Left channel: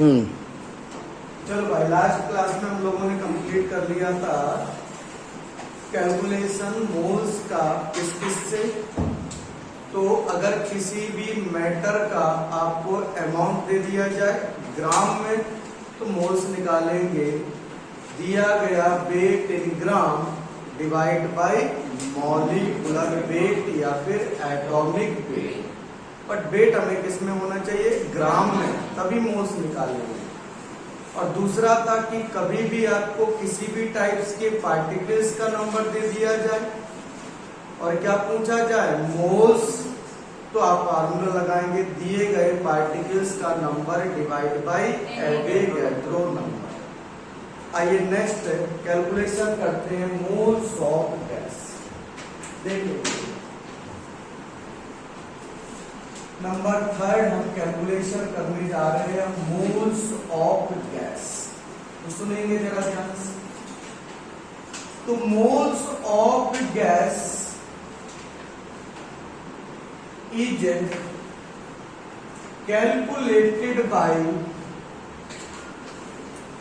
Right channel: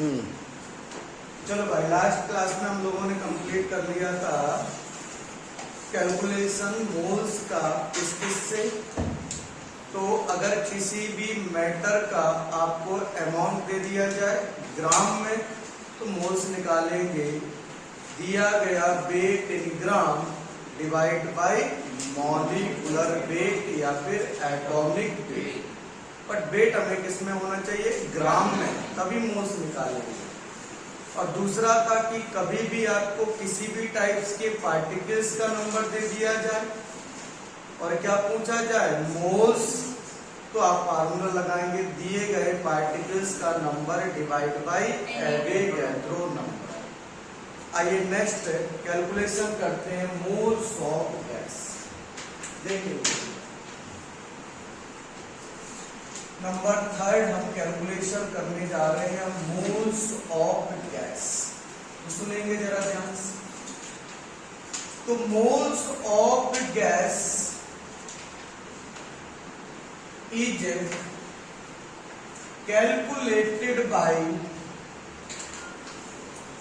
चलो भाई, last class में हम लोगों ने कंप्लीट कर लिया था कैलकुलेशन मोल्स का किससे। तो अगर किसी भी मैटर का आपको अमाउंट दे दिया जाए ग्राम में तो मोल्स निकालेंगे। दिया गया weight in gram divide by molecular weight या फिर एटॉमिक वेट। बट वेट हमें किस में होना चाहिए? ग्राम में, तभी मोल्स निकालेंगे। और दूसरा था कि कभी भी आपको किसी भी टाइप्स के पार्टिकल्स का नंबर दे दिया जाए और क्या पूछा जाए? मोल्स, तो आप फार्मूला लगाएंगे दिए गए पार्टिकल्स का number divide by Avogadro number. आइए नेक्स्ट कैलकुलेशन करते हैं मोल्स ऑफ गैस। देखिए नंबर 3 हम कैलकुलेशन करने जा रहे हैं मोल्स ऑफ गैस। सुनेंगे जरा ध्यान से। तो moles of gas is calculated by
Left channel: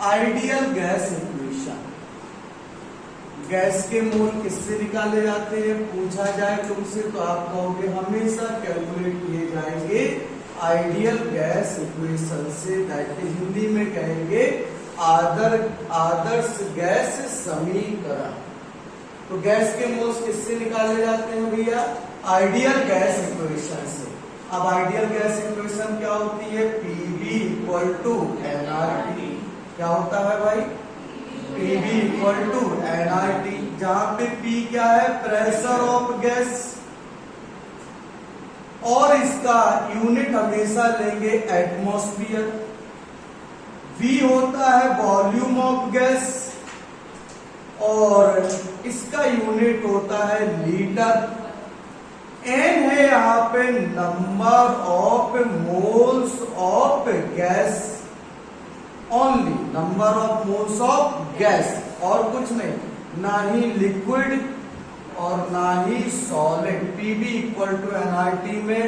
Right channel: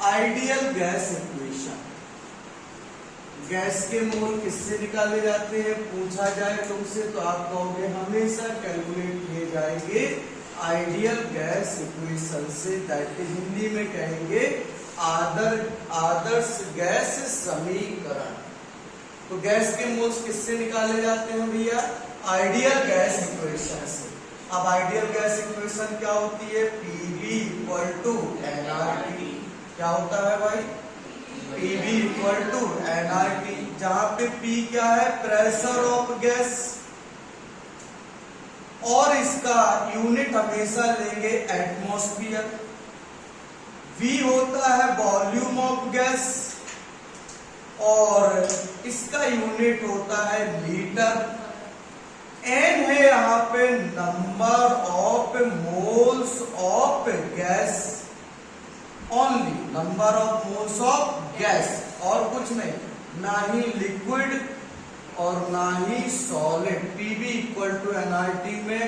ideal gas equation. Gas के मोल किससे निकाले जाते हैं पूछा जाए तुमसे तो आप कहोगे हमेशा कैलकुलेट किए जाएंगे आइडियल गैस इक्वेशन से। दैट हिंदी में कहेंगे आदर्श गैस समीकरण। तो गैस के मोल्स किससे निकाले जाते हैं भैया? आइडियल गैस इक्वेशन से। अब आइडियल गैस इक्वेशन क्या होती है? PV equal to nRT। क्या होता है भाई? PV इक्वल टू nRT, जहां पे P क्या है? प्रेशर ऑफ गैस, और इसका यूनिट हमेशा लेंगे एटमॉस्फेयर। V होता है वॉल्यूम ऑफ गैस और इसका यूनिट होता है लीटर। N है यहां पे number of moles of gas, only number of moles of gas, और कुछ नहीं, ना ही लिक्विड और ना ही solid. PV equal to nRT में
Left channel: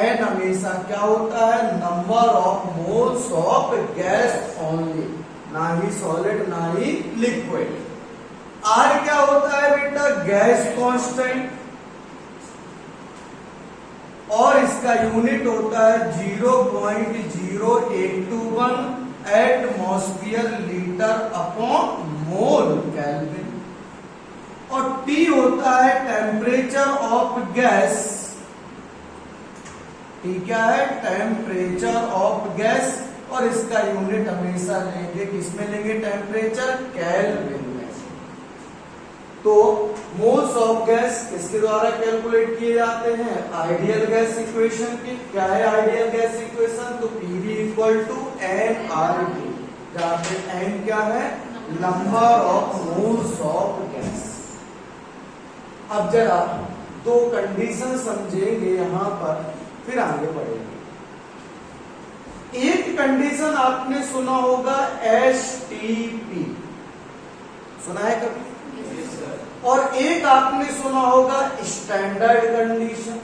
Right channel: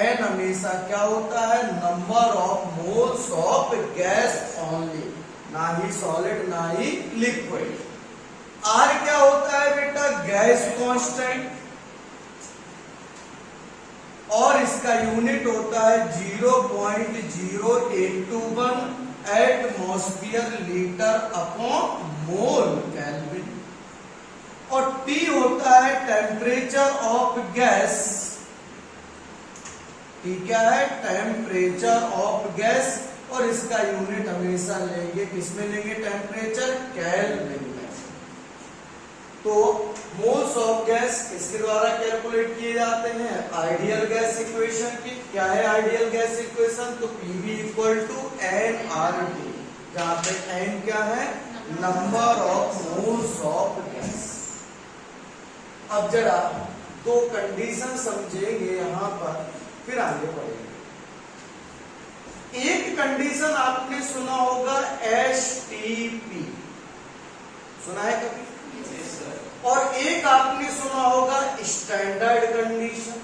N हमेशा क्या होता है? Number of moles of gas only, ना ही सॉलिड ना ही लिक्विड। R क्या होता है बेटा? गैस कांस्टेंट, और इसका यूनिट होता है 0.0821 atmosphere litre upon mole kelvin. और T होता है टेम्परेचर ऑफ गैस। T क्या है? टेम्परेचर ऑफ गैस, और इसका यूनिट हमेशा लेंगे किसमें लेंगे? टेम्परेचर, केल्विन में। तो मोल्स ऑफ गैस किसके द्वारा कैलकुलेट किए जाते हैं? आइडियल गैस इक्वेशन की। क्या है आइडियल गैस इक्वेशन? तो PV इक्वल टू nRT, जहां पे N क्या है? Number of moles of gas. अब जरा दो कंडीशन समझेंगे यहां पर, फिर आगे बढ़ेंगे। एक कंडीशन आपने सुना होगा STP, सुना है कभी? और एक आपने सुना होगा स्टैंडर्ड कंडीशन।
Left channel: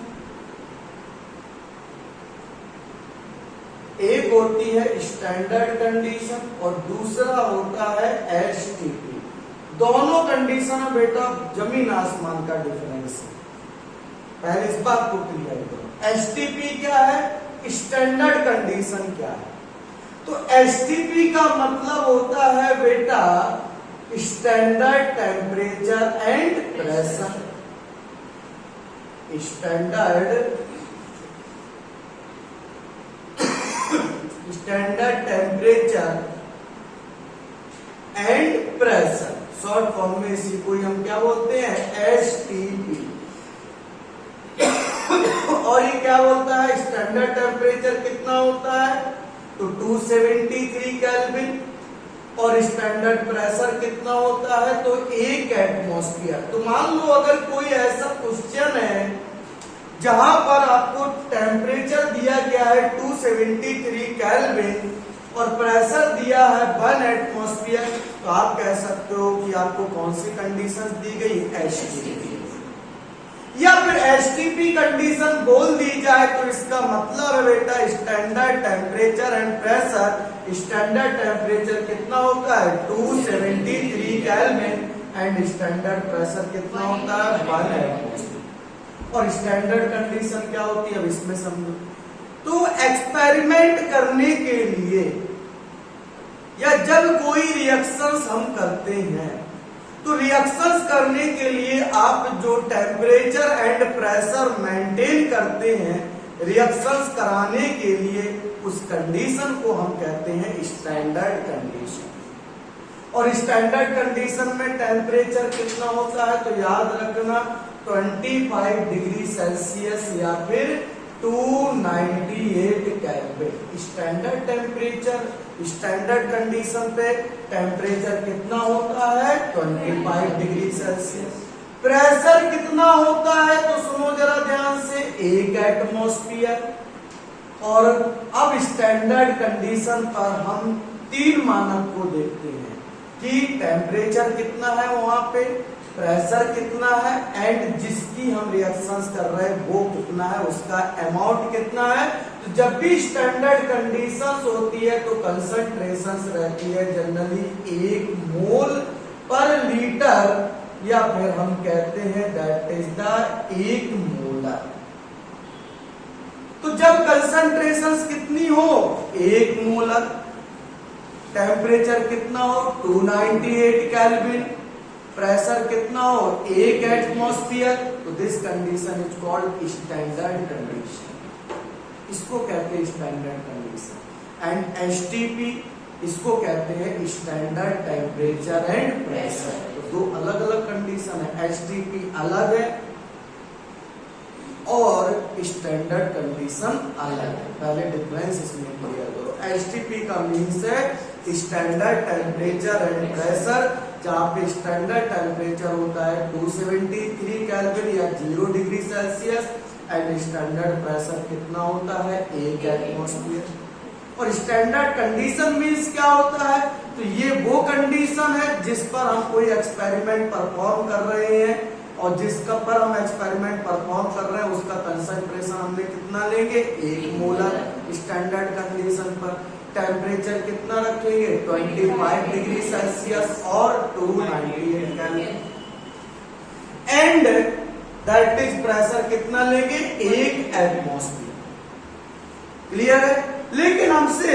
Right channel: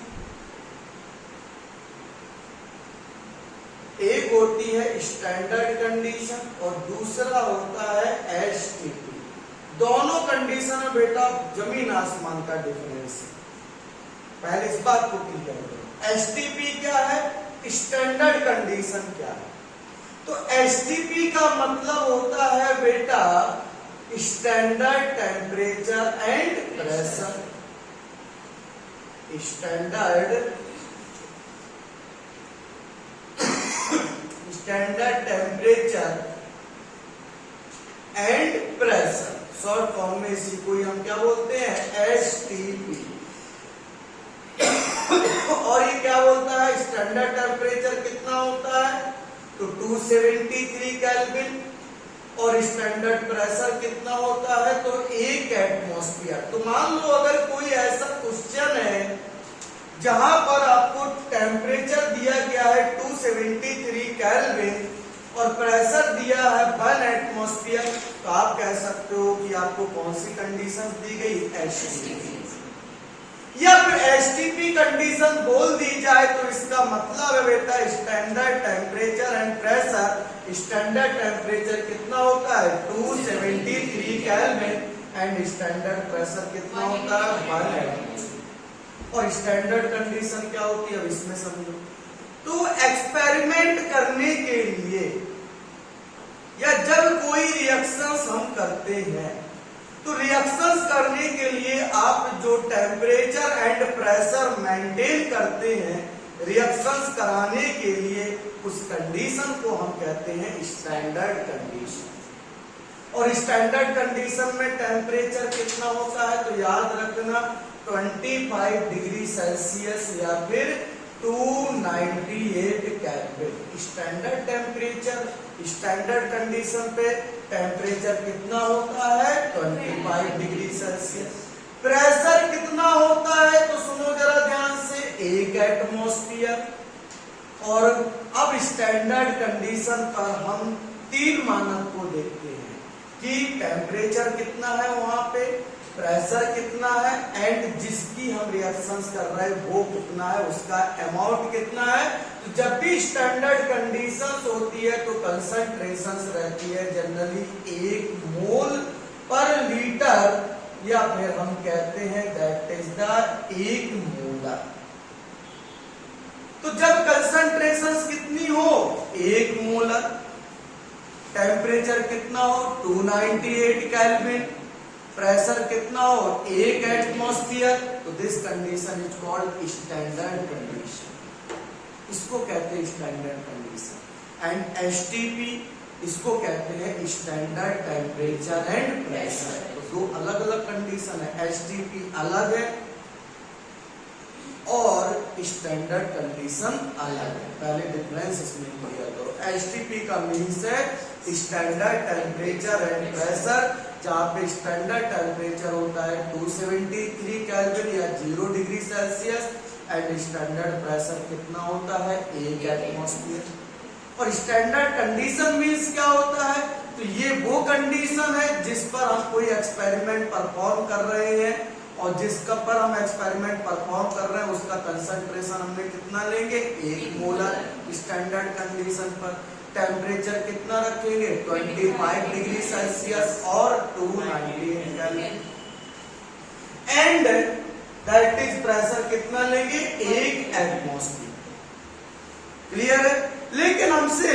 एक होती है स्टैंडर्ड कंडीशन और दूसरा होता है STP। दोनों कंडीशन है बेटा जमीन आसमान का डिफरेंस है। पहले इस बात को क्लियर करो। STP क्या है? स्टैंडर्ड कंडीशन क्या है? तो STP का मतलब होता है बेटा standard temperature and pressure. Standard temperature and pressure, short form में इसी को हम क्या बोलते हैं? STP। और ये क्या बोलता है? स्टैंडर्ड टेम्परेचर कितना होता है? तो 273 केल्विन, और स्टैंडर्ड प्रेशर कितना होता है? तो 1 एटमॉस्फेयर। तो मान लो अगर कोई ऐसा क्वेश्चन है जहां पर आपको टेम्परेचर दिया गया है 273 केल्विन और प्रेशर दिया है 1 एटमॉस्फेयर, तो आप कह सकते हो कि आपको कौन सी कंडीशन दी गई? STP। या फिर STP कंडीशन बोल दी जाए तो इसका मतलब है बेटा स्टैंडर्ड टेम्परेचर एंड प्रेशर पर स्टैंडर्ड टेम्परेचर कितना होता है 273 केल्विन एंड स्टैंडर्ड प्रेशर कितना होता है 1 एटमॉस्फेयर। और स्टैंडर्ड कंडीशन क्या होती है अब इसमें समझो। तो एक्सपेरिमेंट करने के लिए या जब कोई रिएक्शंस हम करते हैं तो रिएक्शंस करने के लिए आप जो टेम्परेचर एंड प्रेशर मेंटेन करते हैं रिएक्शंस कराने के लिए उस कंडीशन को हम कहते हैं स्टैंडर्ड कंडीशन। और स्टैंडर्ड कंडीशन में टेम्परेचर कितना होता है तो याद रखना 25 डिग्री सेल्सियस या फिर 298 kelvin. Standard temperature standard condition पे टेम्परेचर कितना होता है 25 डिग्री सेल्सियस। प्रेशर कितना होता है तो सुनो जरा ध्यान से 1 एटमॉस्फेयर। और अब स्टैंडर्ड कंडीशन पर हम 3 मानक को देखते हैं कि टेम्परेचर कितना है वहां पे, प्रेशर कितना है एंड जिसकी हम रिएक्शंस कर रहे हैं वो कितना है, उसका अमाउंट कितना है। तो जब भी स्टैंडर्ड कंडीशंस होती है तो कंसंट्रेशंस रहती है जनरली 1 मोल पर लीटर या फिर हम कहते हैं दैट इज द 1 मोलर। तो जब कंसंट्रेशंस कितनी हो 1 मोलर, टेम्परेचर कितना हो 298 केल्विन, प्रेशर कितना हो 1 एटमॉस्फेयर, तो this condition is called standard condition. इसको कहते हैं स्टैंडर्ड कंडीशन। एंड एसटीपी इसको कहते हैं स्टैंडर्ड टेम्परेचर एंड प्रेशर। तो 2 अलग अलग कंडीशन है, एसटीपी अलग है और स्टैंडर्ड कंडीशन अलग है। पहले डिफरेंस इसमें क्लियर करो। एसटीपी का मीन्स है स्टैंडर्ड टेम्परेचर एंड प्रेशर, जहां पे स्टैंडर्ड टेम्परेचर होता है 273 केल्विन या 0 degree Celsius and standard pressure कितना होता है 1 एटमॉस्फेयर। और स्टैंडर्ड कंडीशन मीन्स क्या होता है तो ये वो कंडीशन है जिस पर हम कोई एक्सपेरिमेंट परफॉर्म कर रहे हैं और जिसका पर हम एक्सपेरिमेंट परफॉर्म कर रहे हैं उसका कंसंट्रेशन हमने कितना लेंगे 1 मोलर। स्टैंडर्ड कंडीशन पर टेम्परेचर कितना रखेंगे 25 डिग्री सेल्सियस और 298 kelvin and that is pressure कितना लेंगे 1 एटमॉस्फेयर। क्लियर है। लेकिन हमसे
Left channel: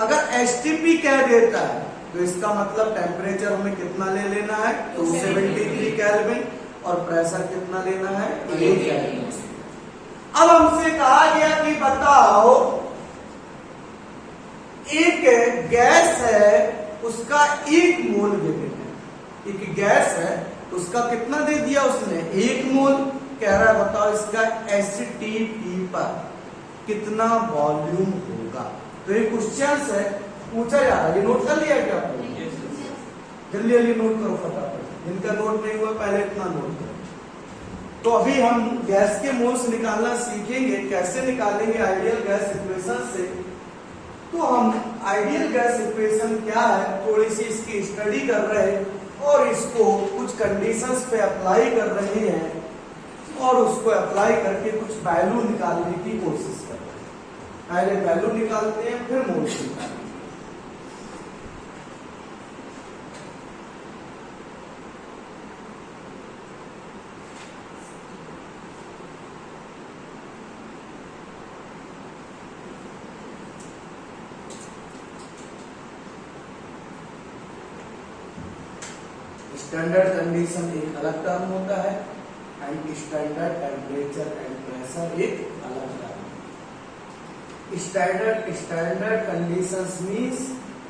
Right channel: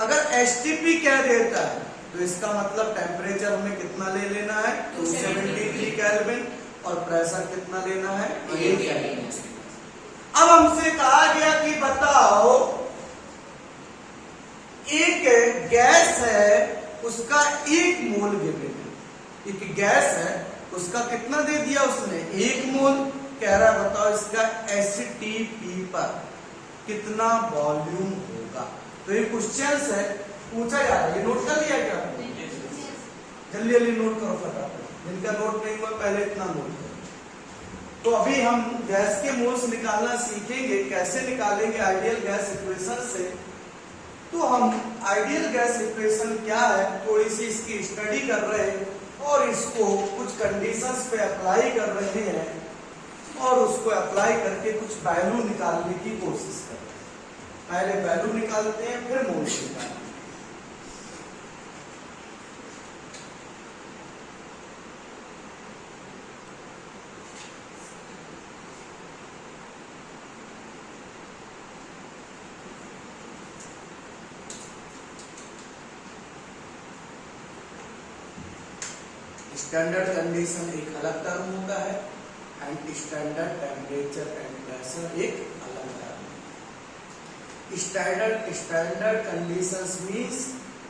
अगर एसटीपी क्या देता है तो इसका मतलब टेम्परेचर हमें कितना ले लेना है 273 केल्विन और प्रेशर कितना लेना है 1 एटमॉस्फेयर। अब हमसे कहा गया कि बताओ एक गैस है उसका 1 मोल गिवन है। एक गैस है उसका कितना दे दिया उसने 1 मोल। कह रहा है बताओ इसका एसटीपी पर कितना वॉल्यूम होगा। तो ये क्वेश्चन है पूछा जा रहा है। ये नोट कर लिया क्या आपने? जल्दी जल्दी नोट करो फटाफट। जिनका नोट नहीं हुआ पहले इतना नोट करो। तो अभी हम गैस के मोल्स निकालना सीखेंगे। कैसे निकालेंगे आइडियल गैस इक्वेशन से। तो हम आइडियल गैस इक्वेशन क्या है थोड़ी सी इसकी स्टडी कर रहे हैं और इसको कुछ कंडीशंस पे अप्लाई कर रहे हैं और उसको अप्लाई करके कुछ वैल्यू निकालने की कोशिश कर रहे हैं। पहले वैल्यू निकालते हैं फिर मोल्स निकालते हैं। स्टैंडर्ड कंडीशन एक अलग टर्म होता है and standard temperature and pressure एक अलग term. Standard conditions means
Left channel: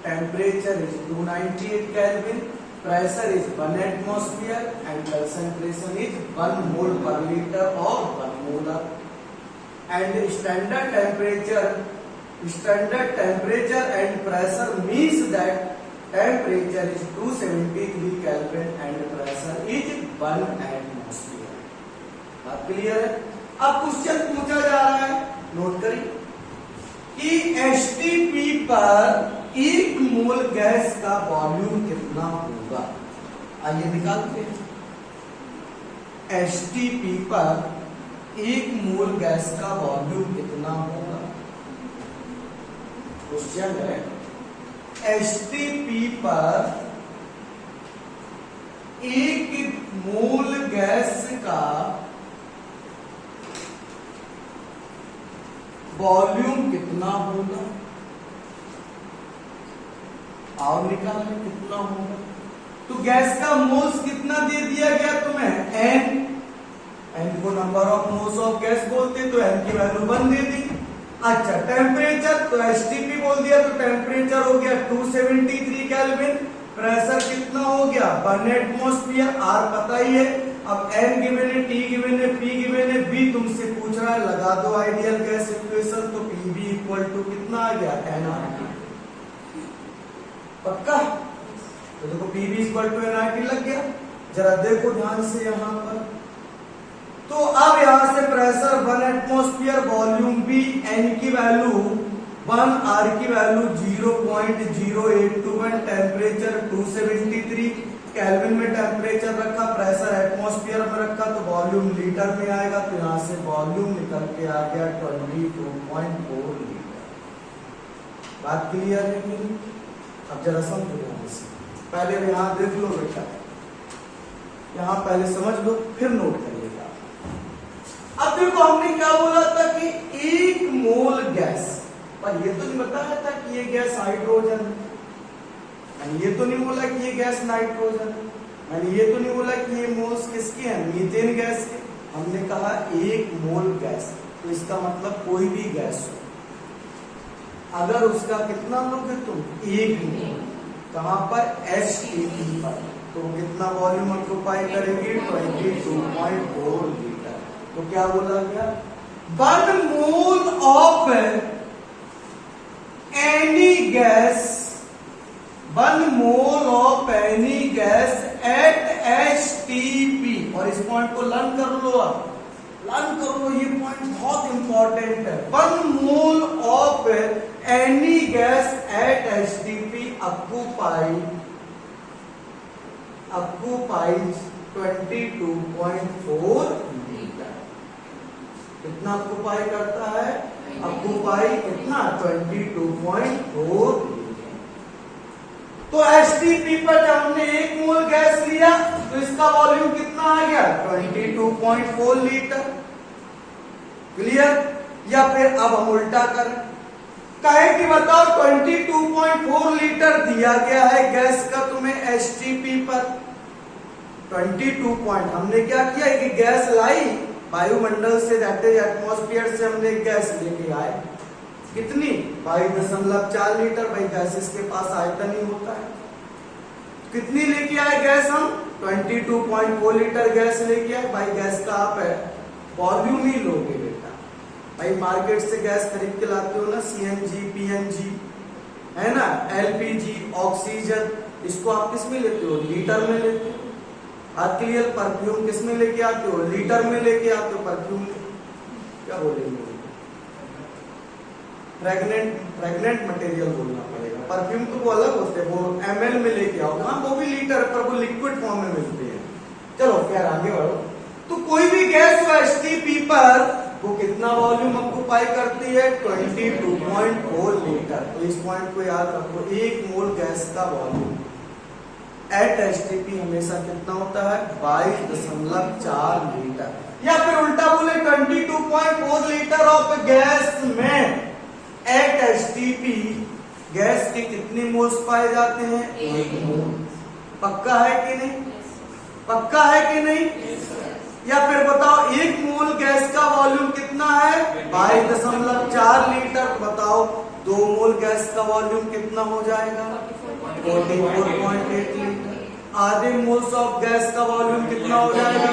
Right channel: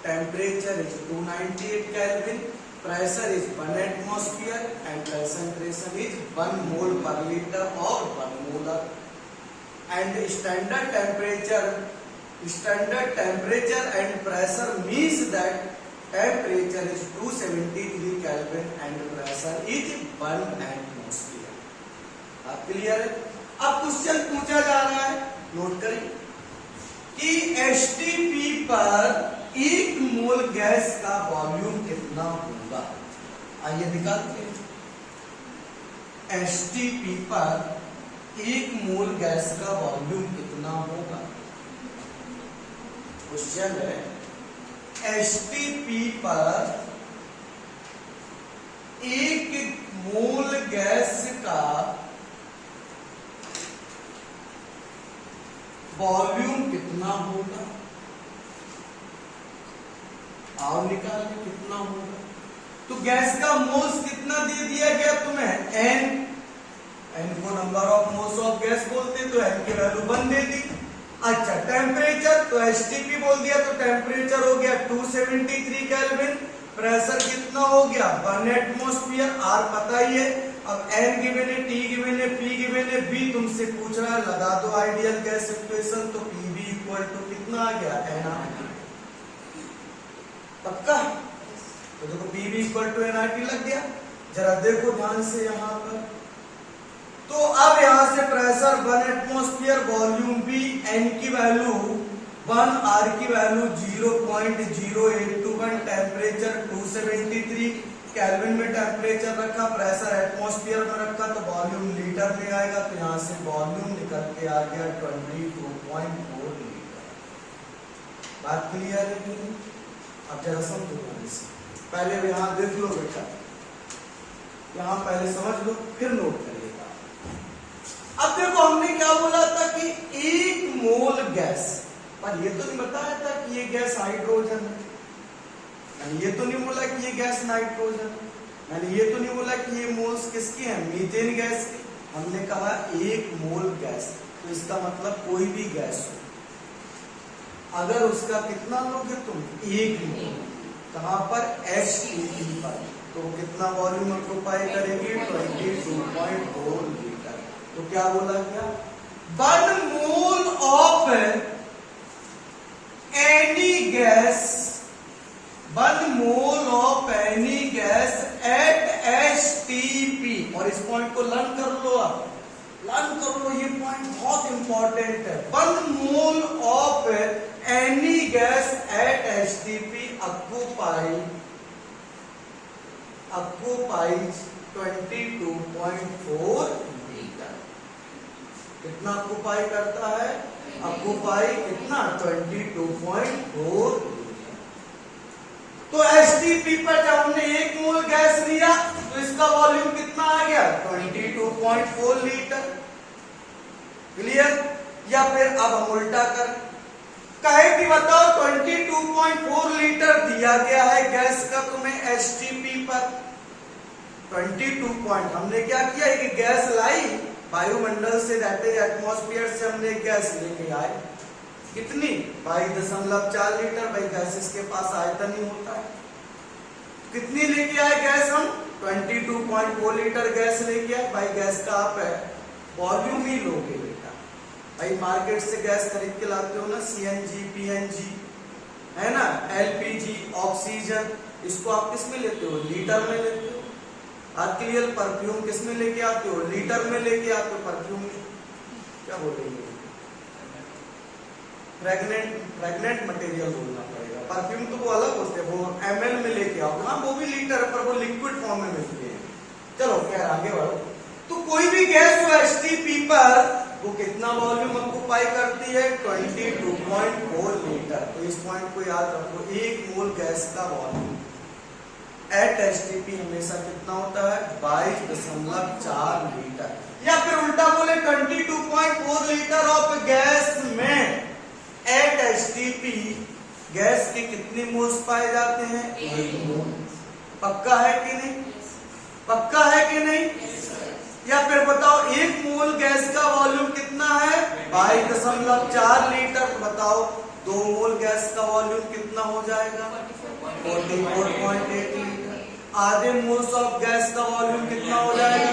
temperature is 298 kelvin, pressure is 1 atmosphere and concentration is 1 मोल पर लीटर और 1 molar. And standard temperature and pressure means that temperature is 273 Kelvin and pressure is 1 atmosphere। बात clear है। अब question पूछा जा रहा है note करिए कि एसटीपी पर 1 मोल गैस का वॉल्यूम कितना होगा। आइए निकालते हैं। एसटीपी पर 1 मोल गैस का वॉल्यूम कितना होगा। क्वेश्चन है एसटीपी पर एक मोल गैस का वॉल्यूम कितना होगा, और निकाल कितना होगा। तो गैस का मोल्स कितना दे दिया गया तुम्हें, एन को number of moles of gas बोलते हैं, तो एन की वैल्यू 1 दे दी। अच्छा टेम्परेचर, तो एसटीपी बोल दिया तो टेम्परेचर हो गया 273 केल्विन। प्रेशर कितना हो गया 1 एटमॉस्फेयर, आर पता ही है। अब एन गिवन है, टी गिवन है, पी गिवन है, बी तुमसे पूछ रहा है, लगा दो आइडियल गैस इक्वेशन, तो पीबी इक्वल टू कितना आ गया एनआरटी। पक्का, तो देखो पीबी इक्वल टू एनआरटी लग गया। जरा देखो ध्यान से यहां पर, तो अब यहां से प्रेशर 1 एटमॉस्फेयर, वॉल्यूम भी, एन की वैल्यू 1, आर की वैल्यू 0.0821, टेम्परेचर 273 केल्विन में टेम्परेचर रखा, प्रेशर एटमॉस्फेयर में रखा, तो वॉल्यूम लीटर में आएगा। तो यहां से वॉल्यूम निकल के आ गया 22.4 लीटर। बात क्लियर है कि नहीं? अब जरा समझो, पहले यहां देख लो बेटा, यहां पहले समझ लो फिर नोट करिएगा। अब देखो हमने क्या बोला था कि 1 मोल गैस, पर ये तो नहीं बताया था कि ये गैस हाइड्रोजन है, मैंने ये तो नहीं बोला कि ये गैस नाइट्रोजन, मैंने ये तो नहीं बोला कि ये मोल्स किसके हैं, मीथेन गैस के। हमने कहा 1 मोल गैस, तो इसका मतलब कोई भी गैस हो, अगर उसका कितना लोगे तुम 1 मोल, कहां पर एसटीपी पर, तो कितना वॉल्यूम ऑक्यूपाई करेगी 22.4 लीटर। तो क्या बोला गया, 1 mole of any gas, 1 mole of any gas at STP, और इस पॉइंट को लर्न कर लो, आप लर्न कर लो, ये पॉइंट बहुत इंपॉर्टेंट है। 1 mole of any gas at STP occupies 22.4 litre. कितना ऑक्यूपाई करता है, ऑक्यूपाई कितना 22.4 लीटर। तो एसटीपी पर जब हमने 1 मोल गैस लिया तो इसका वॉल्यूम कितना आ गया 22.4 लीटर। क्लियर? या फिर अब हम उल्टा करें, कहे कि बताओ 22.4 लीटर दिया गया है गैस का तुम्हें एसटीपी पर, 22 पॉइंट, हमने क्या किया कि गैस लाई वायुमंडल से, एटमॉस्फेयर से हमने गैस लेके आए, कितनी 22.4 लीटर। भाई गैसेस के पास आयतन ही होता है, कितनी लेके आए गैस हम 22.4 लीटर गैस लेके आए। भाई गैस का आप है वॉल्यूम ही लोगे बेटा, भाई मार्केट से गैस खरीद के लाते हो ना, सीएनजी, पीएनजी है ना, एलपीजी, ऑक्सीजन, इसको आप किस में लेते हो, लीटर में लेते हो। बात क्लियर? परफ्यूम किस में लेके आते हो, लीटर में लेके आते हो परफ्यूम में, क्या बोलेंगे, फ्रेगनेंट मटेरियल बोलना पड़ेगा। परफ्यूम तो वो अलग होते हैं, वो एमएल में लेके आओ ना, वो भी लीटर, पर वो लिक्विड फॉर्म में मिलते हैं। चलो खैर आगे बढ़ो। तो कोई भी गैस जो एसटीपी पर वो कितना वॉल्यूम ऑक्यूपाई करती है 22.4 लीटर। तो इस पॉइंट को याद रखो, 1 मोल गैस का वॉल्यूम एट एसटीपी हमेशा कितना होता है 22.4 लीटर। या फिर उल्टा बोले 22.4 लीटर ऑफ गैस में एट एसटीपी गैस के कितने मोल्स पाए जाते हैं 1 मोल। पक्का है कि नहीं, पक्का है कि नहीं? या फिर बताओ 1 मोल गैस का वॉल्यूम कितना है 22.4 लीटर। तो बताओ 2 मोल गैस का वॉल्यूम कितना हो जाएगा 44.8 लीटर। आधे मोल्स ऑफ गैस का वॉल्यूम कितना हो जाएगा,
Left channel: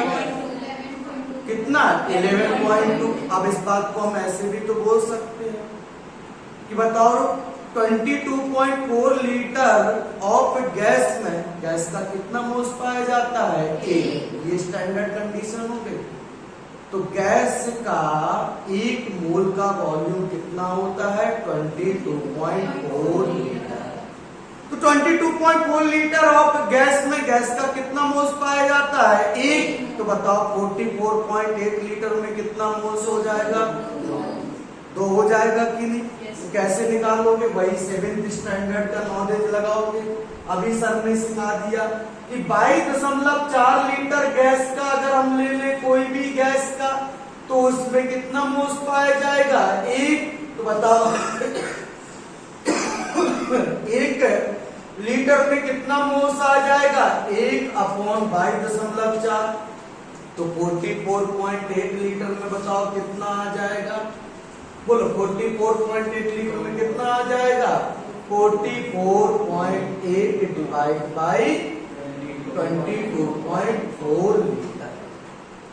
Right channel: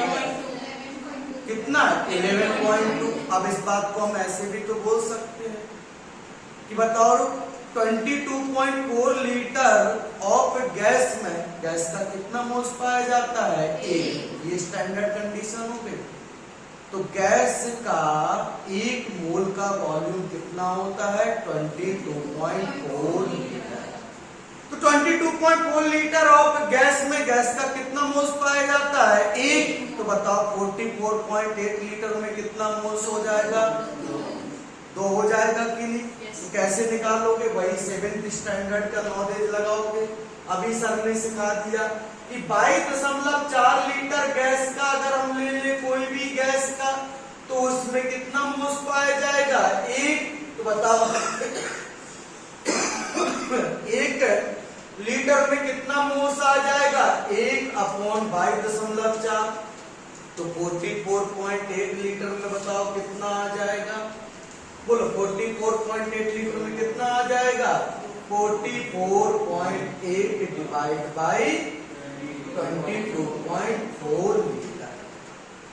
कितना 11.2। अब इस बात को हम ऐसे भी तो बोल सकते हैं कि बताओ 22.4 लीटर ऑफ गैस में गैस का कितना मोल्स पाया जाता है 1। ये स्टैंडर्ड कंडीशन हो गई। तो गैस का 1 मोल का वॉल्यूम कितना होता है 22.4 लीटर। तो 22.4 लीटर ऑफ गैस में गैस का कितना मोल्स पाया जाता है 1। तो बताओ 44.8 लीटर में कितना मोल्स हो जाएगा 2 हो जाएगा कि नहीं। तो कैसे निकालोगे? वही 7th स्टैंडर्ड का नॉलेज लगाओगे। अभी सर ने सिखा दिया कि 22.4 लीटर गैस का अगर हम ले ले कोई भी गैस का, तो उसमें कितना मोल्स पाया जाएगा? एक। तो बताओ 1 लीटर में कितना मोल्स आ जाएगा? 1/22.4। तो 44.8 लीटर में बताओ कितना आ जाएगा? बोलो 44.8 लीटर में कितना आ जाएगा? 44.8 डिवाइड बाई 22.4 लीटर,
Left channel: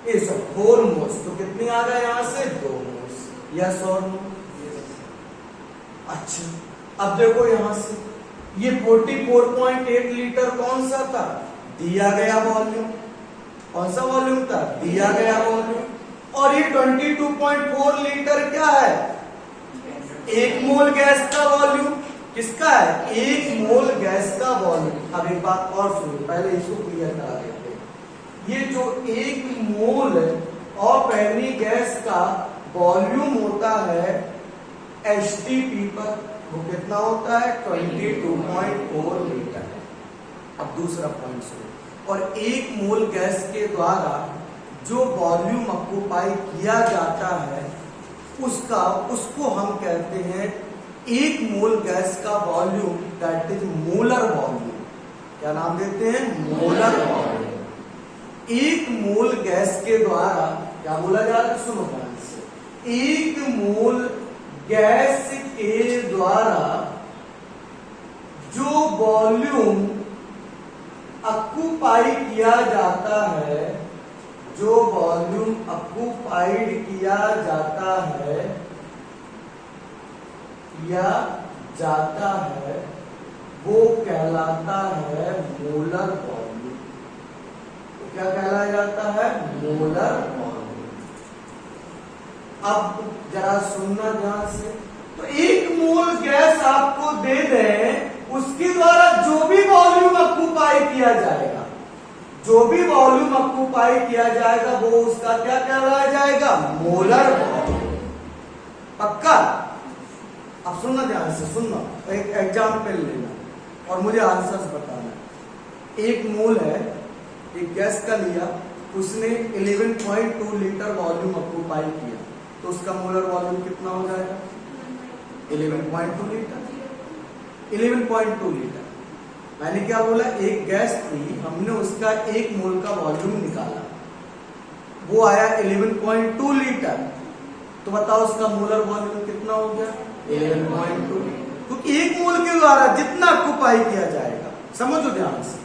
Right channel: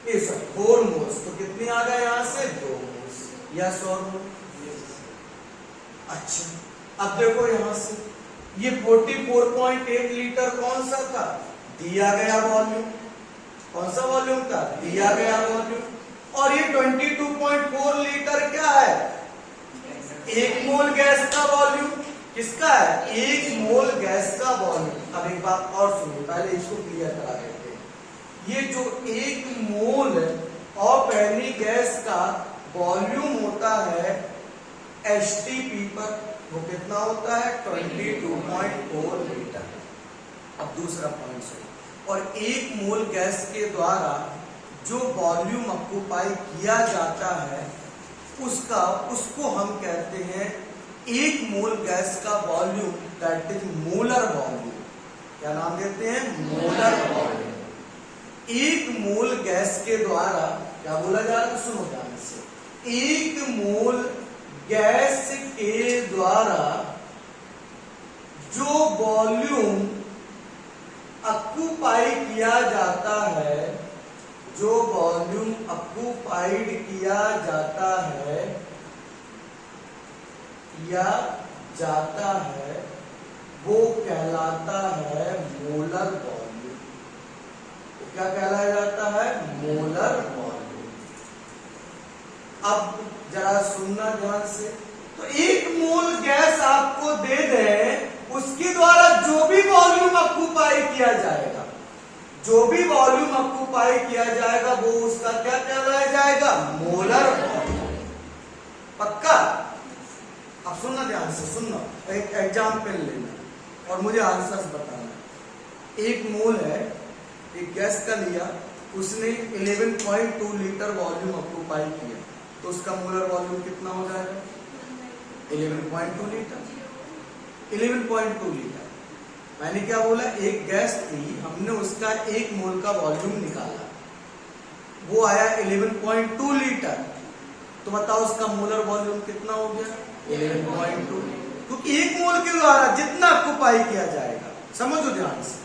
ये सब 4 मोल्स। तो कितने आ गए यहां से? 2 मोल्स। यस और नो? अच्छा, अब देखो यहां से ये 44.8 लीटर कौन सा था? दिया गया वॉल्यूम। कौन सा वॉल्यूम था? दिया गया वॉल्यूम। और ये 22.4 लीटर क्या है? 1 मोल गैस का वॉल्यूम। किसका है? 1 मोल गैस का वॉल्यूम। अब एक बात और सुनो, पहले इसको क्लियर करा देते हैं। ये जो 1 मोल ऑफ एनी गैस का वॉल्यूम होता है एचटीपी पर, वो कितना होता है? 22.4 लीटर। अब दूसरा पॉइंट सुनो, और 1 मोल गैस के द्वारा जो वॉल्यूम ऑक्यूपाई किया जाता है उसको हम कहते हैं 1 मोल गैस का volume, that is molar volume. क्या नाम देते हैं? Molar volume. 1 मोल गैस के द्वारा क्या बोला जा रहा है? सुनो ध्यान से। 1 मोल गैस के द्वारा जो वॉल्यूम ऑक्यूपाई किया जाता है, जो वॉल्यूम ऑक्यूपाइड किया जाता है या जाता है, वो कहलाता है मोलर वॉल्यूम। वो क्या कहलाया जाता है? Molar volume. अब जरा सुनना ध्यान से। तो 1 मोल गैस आपको दे दें, उसके द्वारा जो भी वॉल्यूम ऑक्यूपाई किया जाएगा, जो भी वॉल्यूम ऑक्यूपाई किया जाएगा वो उसका क्या कहलाया जाएगा? Molar volume. पक्का? अब सुनना ध्यान से, सुनना, एक एग्जाम्पल लेना और मुझे आंसर्स बताना। 1 मोल है, एक गैस का लिया, उसने 11.2 लीटर वॉल्यूम ऑक्यूपाई किया, तो उसका मोलर वॉल्यूम कितना हो जाएगा? 11.2 लीटर। 11.2 लीटर। मैंने क्या बोला? एक गैस थी, हमने उसका 1 मोल का वॉल्यूम निकाला, वो आया 11.2 लीटर। तो बताओ उसका मोलर वॉल्यूम कितना हो गया? 11.2। क्योंकि 1 मोल के द्वारा जितना ऑक्यूपाई किया जाएगा, समझो ध्यान से।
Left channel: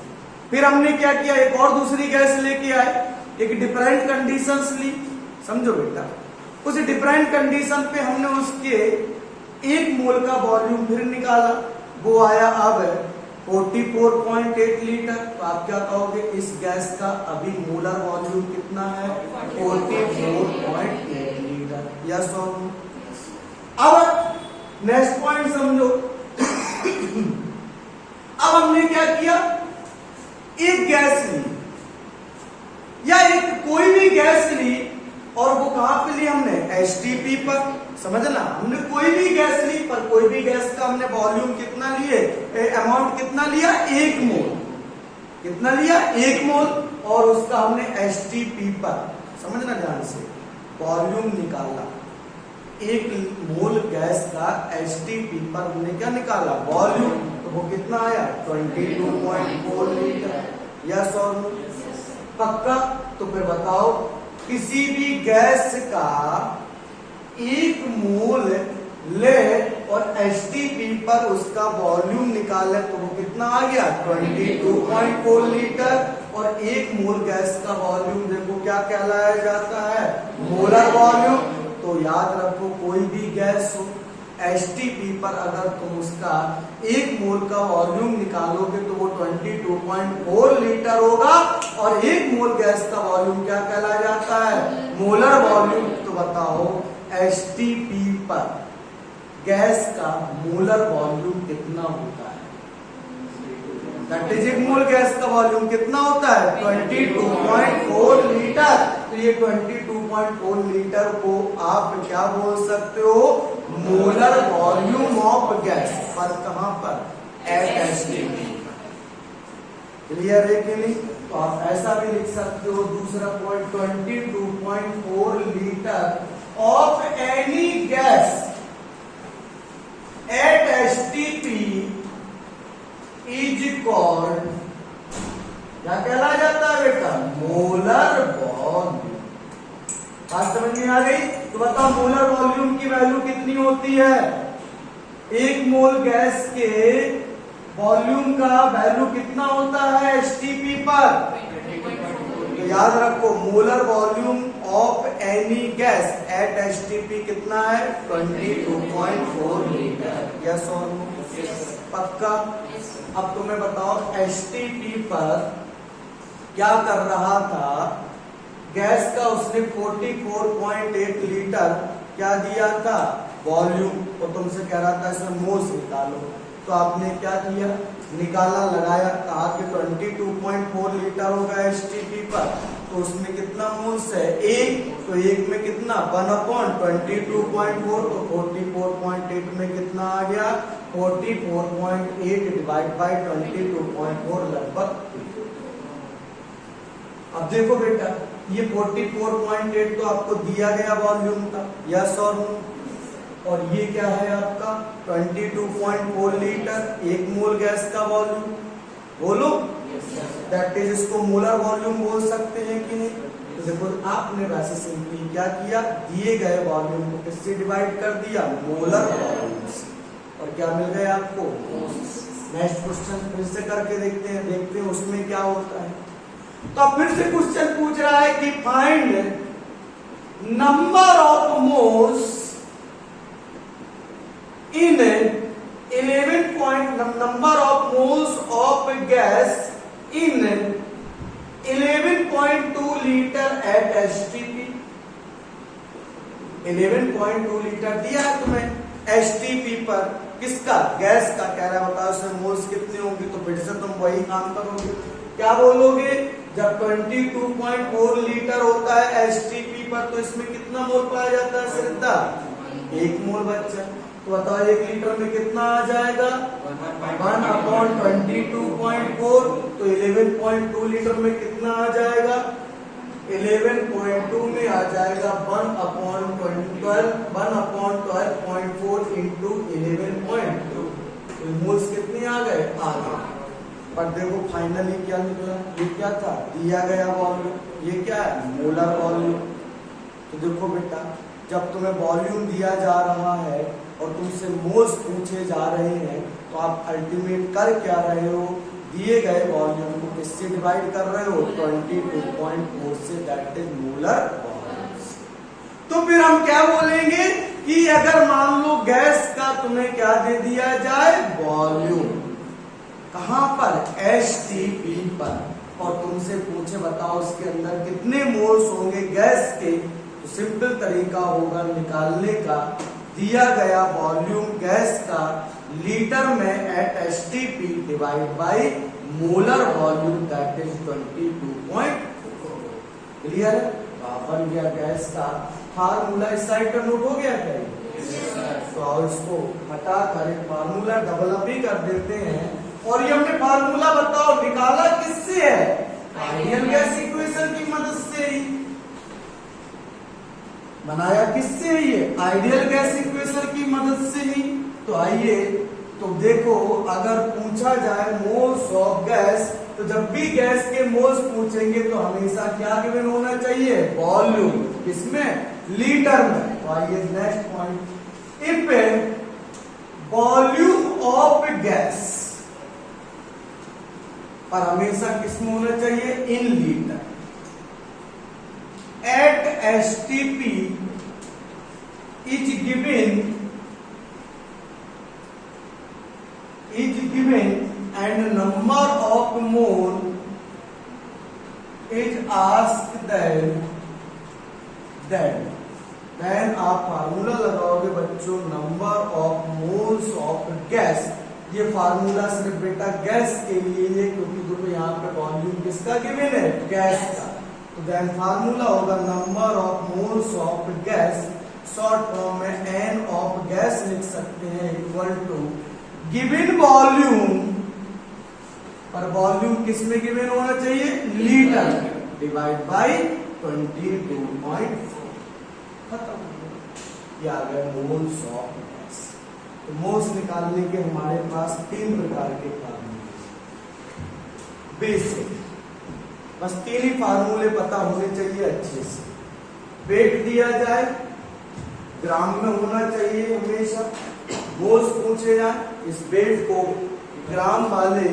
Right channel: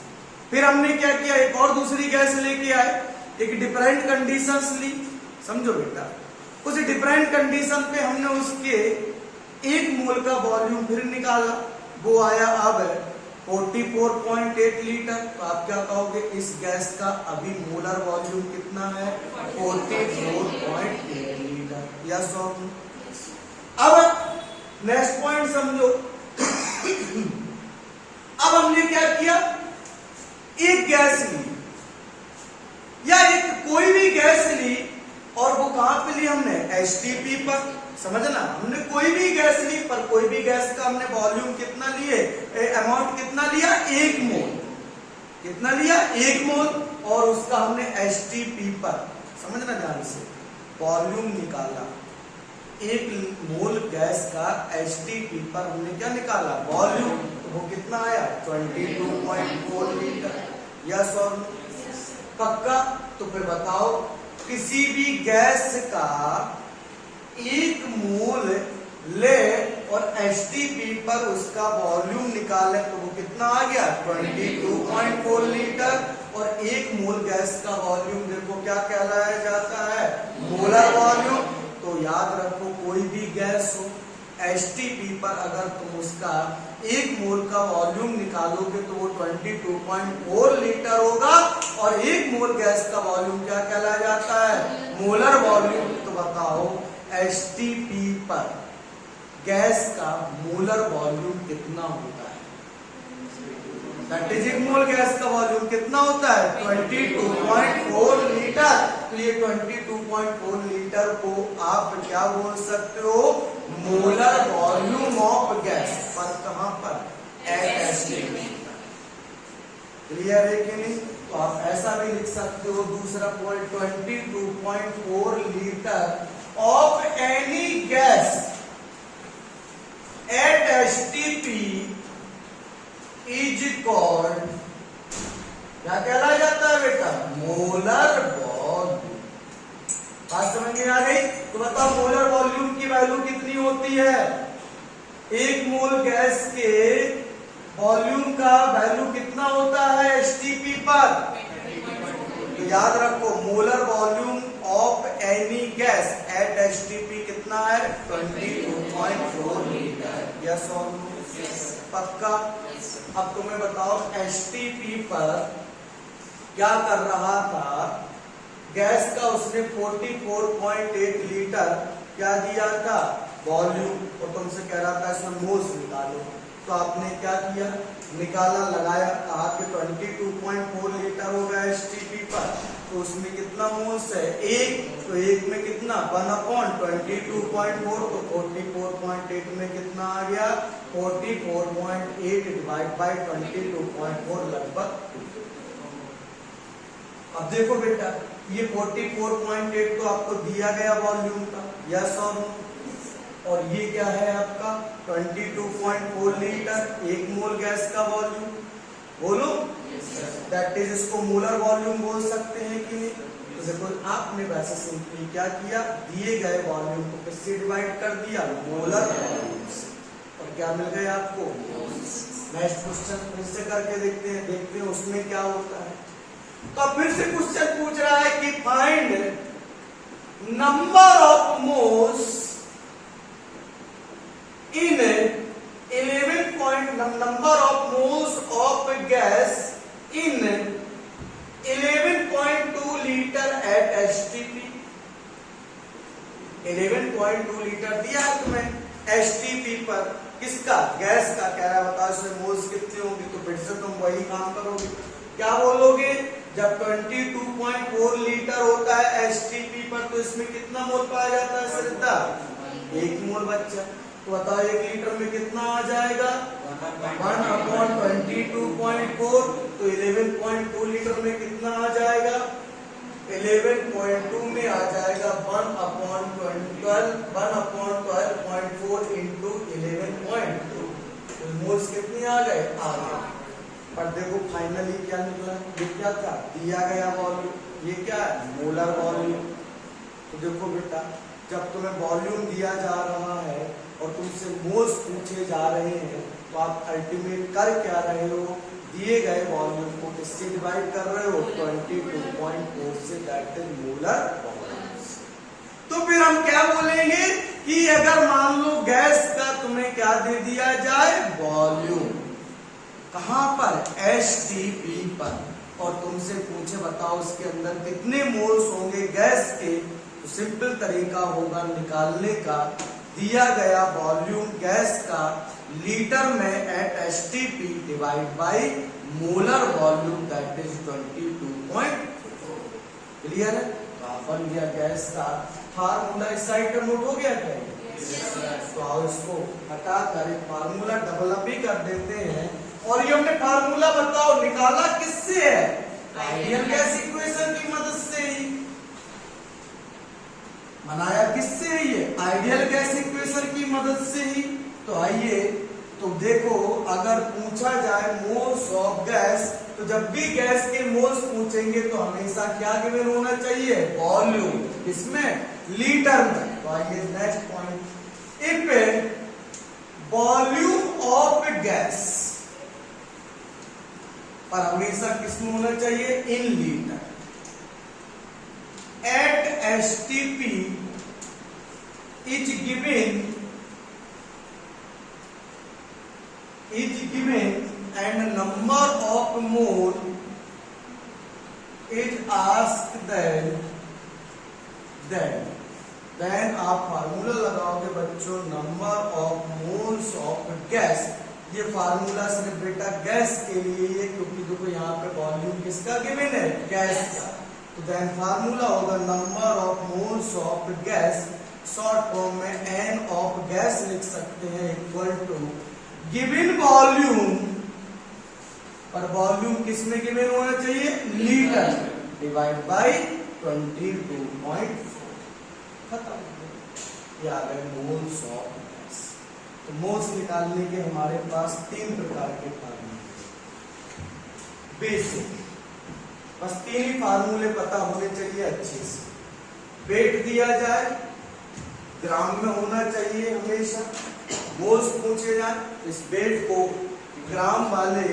फिर हमने क्या किया? एक और दूसरी गैस लेके आए, एक डिफरेंट कंडीशंस ली, समझो बेटा। उस डिफरेंट कंडीशन पे हमने उसके 1 मोल का वॉल्यूम फिर निकाला, वो आया अब 44.8 लीटर। तो आप क्या कहोगे? इस गैस का अभी मोलर वॉल्यूम कितना है? 44.8 लीटर। यस और नो? अब नेक्स्ट पॉइंट समझो। अब हमने क्या किया? एक गैस ली या एक कोई भी गैस ली, और वो कहां पे ली हमने? एचटीपी पर। समझना, हमने कोई भी गैस ली, पर कोई भी गैस का हमने वॉल्यूम कितना लिए? अमाउंट कितना लिया? 1 मोल। कितना लिया? 1 मोल। और उसका हमने एचटीपी पर, समझना ध्यान से, वॉल्यूम निकाला। 1 मोल गैस का एचटीपी पर हमने क्या निकाला? वॉल्यूम। तो वो कितना आया? 22.4 लीटर। यस और नो? पक्का? तो फिर बताओ, किसी भी गैस का 1 मोल ले और एचटीपी पर उसका वॉल्यूम निकाले, तो वो कितना आ गया? 22.4 लीटर। और 1 मोल गैस का वॉल्यूम देखो क्या कहलाया जाता है? Molar volume. तो याद रखो, कोई भी गैस हो, एचटीपी पर अगर तुम उसका 1 मोल का वॉल्यूम निकालोगे तो वो 22.4 लीटर होगा। और 1 मोल गैस का वॉल्यूम क्या कहलाया जाता है? Molar volume. तो बताओ एचटीपी पर गैस का मोलर वॉल्यूम कितना होता है? दैट इज 1 मोल गैस का वॉल्यूम कितना होता है? 22.4 लीटर। तो ये 22.4 लीटर को आप क्या बोल सकते हो? मोलर वॉल्यूम ऑफ गैस पर, कहां पर, एट एसटीपी। क्लियर है कि नहीं? तो आप ऐसा भी लिख सकते हो, दूसरा point 22.4 litre of any gas at STP is called, क्या कहला जाता है बेटा, मोलर वॉल्यूम। बात समझ में आ गई? तो बताओ मोलर वॉल्यूम की वैल्यू कितनी होती है? एक मोल गैस के वॉल्यूम का वैल्यू कितना होता है एसटीपी पर? तो याद रखो, molar volume of any gas at STP कितना है? 22.4 लीटर। यस और नो? पक्का? अब तुम्हें बताओ एसटीपी पर क्या कर रहा था, गैस का उसने 44.8 लीटर क्या दिया था, वॉल्यूम, और तुमसे कह रहा था इसमें मोल्स निकालो। तो आपने क्या किया, निकाला, लगाया, कहा कि 22.4 लीटर होगा एसटीपी पर, तो उसमें कितना मोल्स है, एक, तो एक में कितना, 1/22.4, तो 44.8 में कितना आ गया, 44.8 डिवाइड बाई 22.4 लगभग। अब देखो बेटा, ये 44.8 तो आपको दिया गया वॉल्यूम का, यस और नो? और ये क्या है आपका 22.4 लीटर, एक मोल गैस का वॉल्यूम, बोलो। दैट इज, इसको मोलर वॉल्यूम बोल सकते हैं कि नहीं? तो देखो आपने वैसे सिंपली क्या किया, दिए गए वॉल्यूम को किससे डिवाइड कर दिया, मोलर वॉल्यूम से, और क्या मिल गया आपको, नेक्स्ट क्वेश्चन फिर से करके देखते हैं उसमें क्या होता है। तो अब फिर से क्वेश्चन पूछ रहा है कि find number of moles in 11 number of moles of gas in 11.2 litre at STP. 11.2 litre दिया है तुम्हें एसटीपी पर, किसका, गैस का। कह रहा बताओ इसमें मोल्स कितने होंगे, तो फिर से तुम वही काम करोगे, क्या बोलोगे, जब 22.4 लीटर होता है एसटीपी पर, तो इसमें कितना मोल पाया जाता है श्रद्धा, एक मोल बच्चा। तो बताओ 1 लीटर में कितना आ जाएगा, 1/22.4, तो 11.2 लीटर में कितना आ जाएगा, 11.2 में आ जाएगा 1/12.4 इंटू 11.2, तो मोल्स कितने आ गए, आ गए। पर देखो फाइनली क्या निकला, ये क्या था, दिया गया वॉल्यूम, ये क्या है, मोलर वॉल्यूम। तो देखो बेटा, जब तुम्हें वॉल्यूम दिया जा रहा है और तुमसे मोल्स पूछे जा रहे हैं, तो आप अल्टीमेट कर क्या रहे हो, दिए गए वॉल्यूम को किससे डिवाइड कर रहे हो, 22.4 से, दैट इज मोलर वॉल्यूम। तो फिर हम क्या बोलेंगे कि अगर मान लो गैस का तुम्हें क्या दे दिया जाए, वॉल्यूम, कहां पर, एसटीपी पर, और तुमसे पूछे बताओ इसके अंदर कितने मोल्स होंगे गैस के, तो सिंपल तरीका होगा निकालने का, दिया गया वॉल्यूम गैस का लीटर में at STP divide by molar volume, that is 22.4। Clear है? बन गया गैस का फार्मूला। इस साइड पर नोट हो गया क्या? तो और उसको हटा कर एक फार्मूला डेवलप भी कर देते हैं। और ये हमने फार्मूला बताओ निकाला किससे है, आइडियल गैस इक्वेशन की मदद से ही बनाया। किससे है ये, आइडियल गैस इक्वेशन की मदद से ही। तो आइए तो देखो, अगर पूछा जाए मोल्स ऑफ गैस, तो जब भी गैस के मोल्स पूछेंगे तो हमेशा क्या गिवन होना चाहिए, वॉल्यूम, इसमें लीटर में। तो आइए next point, if volume of gas पर हमेशा किसमें होना चाहिए, in litre, at STP is given and number of mole is asked then when आप फार्मूला लगाओगे बच्चों, number of moles of gas, ये फार्मूला सिर्फ बेटा गैस के लिए है, क्योंकि देखो यहाँ पे वॉल्यूम किसका गिवन है, गैस का। तो देन फार्मूला होगा number of moles of gas short form में एन ऑफ गैस लिख सकते हैं इक्वल टू गिवन वॉल्यूम, पर वॉल्यूम किस में गिवन होना चाहिए, लीटर डिवाइड बाय 22.4, खत्म। ये आ गए मोल्स ऑफ गैस। तो मोल्स निकालने के हमारे पास 3 प्रकार के फार्मूले बेसिक, बस 3 ही फार्मूले पता होने चाहिए अच्छे से। वेट दिया जाए, ग्राम में होना चाहिए हमेशा, मोल्स पूछे जाए, इस वेट को ग्राम वाले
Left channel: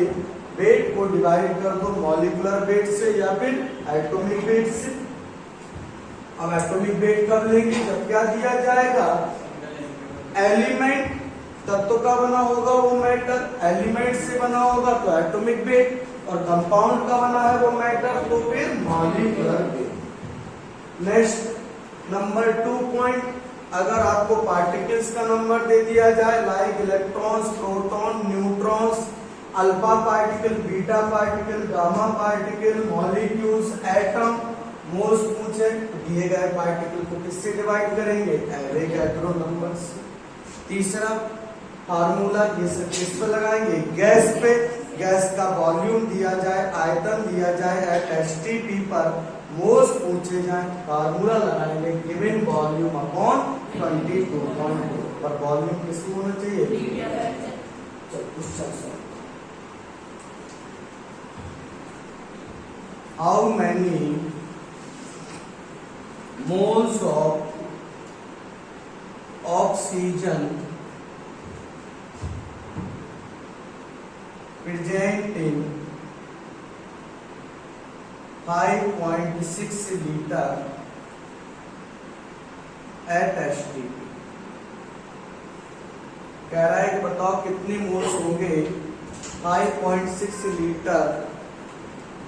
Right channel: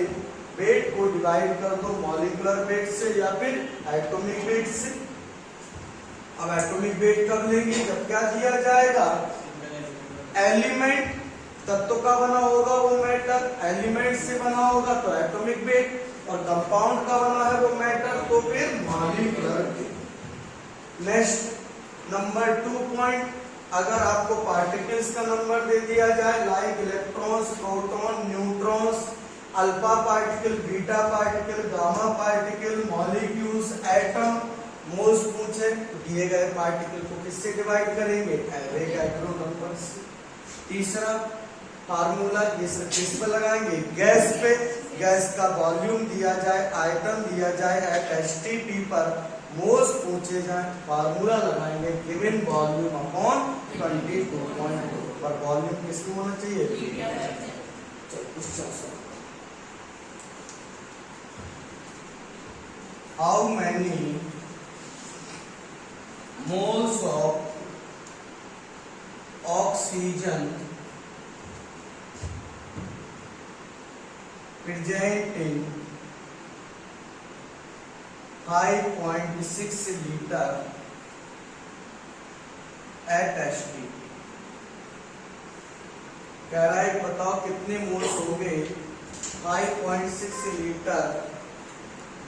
वेट को डिवाइड कर दो मॉलिक्यूलर वेट से या फिर एटॉमिक वेट से। अब एटॉमिक वेट कब लेंगे, जब क्या दिया जाएगा, एलिमेंट तत्व का बना होगा वो मैटर, एलिमेंट से बना होगा तो एटॉमिक वेट, और कंपाउंड का बना है वो मैटर तो फिर molecular weight. Next number 2 point, अगर आपको पार्टिकल्स का नंबर दे दिया जाए like electrons, proton, neutrons, alpha particle, beta particle, gamma particle, molecules, atom, moles पूछे तो दिए गए पार्टिकल को किससे डिवाइड करेंगे, एवोगैड्रो नंबर से। तीसरा फार्मूला ये सब किस पे लगाएंगे, गैस पे। गैस का वॉल्यूम दिया जाए, आयतन दिया जाए एट एसटीपी पर, मोल्स पूछे जाए, फार्मूला लगाएंगे गिवन वॉल्यूम अपॉन 22.2, पर वॉल्यूम किसको होना चाहिए, how many moles of oxygen presenting 5.6 liter at STP। कह रहा है बताओ कितने मोल्स होंगे, 5.6 लीटर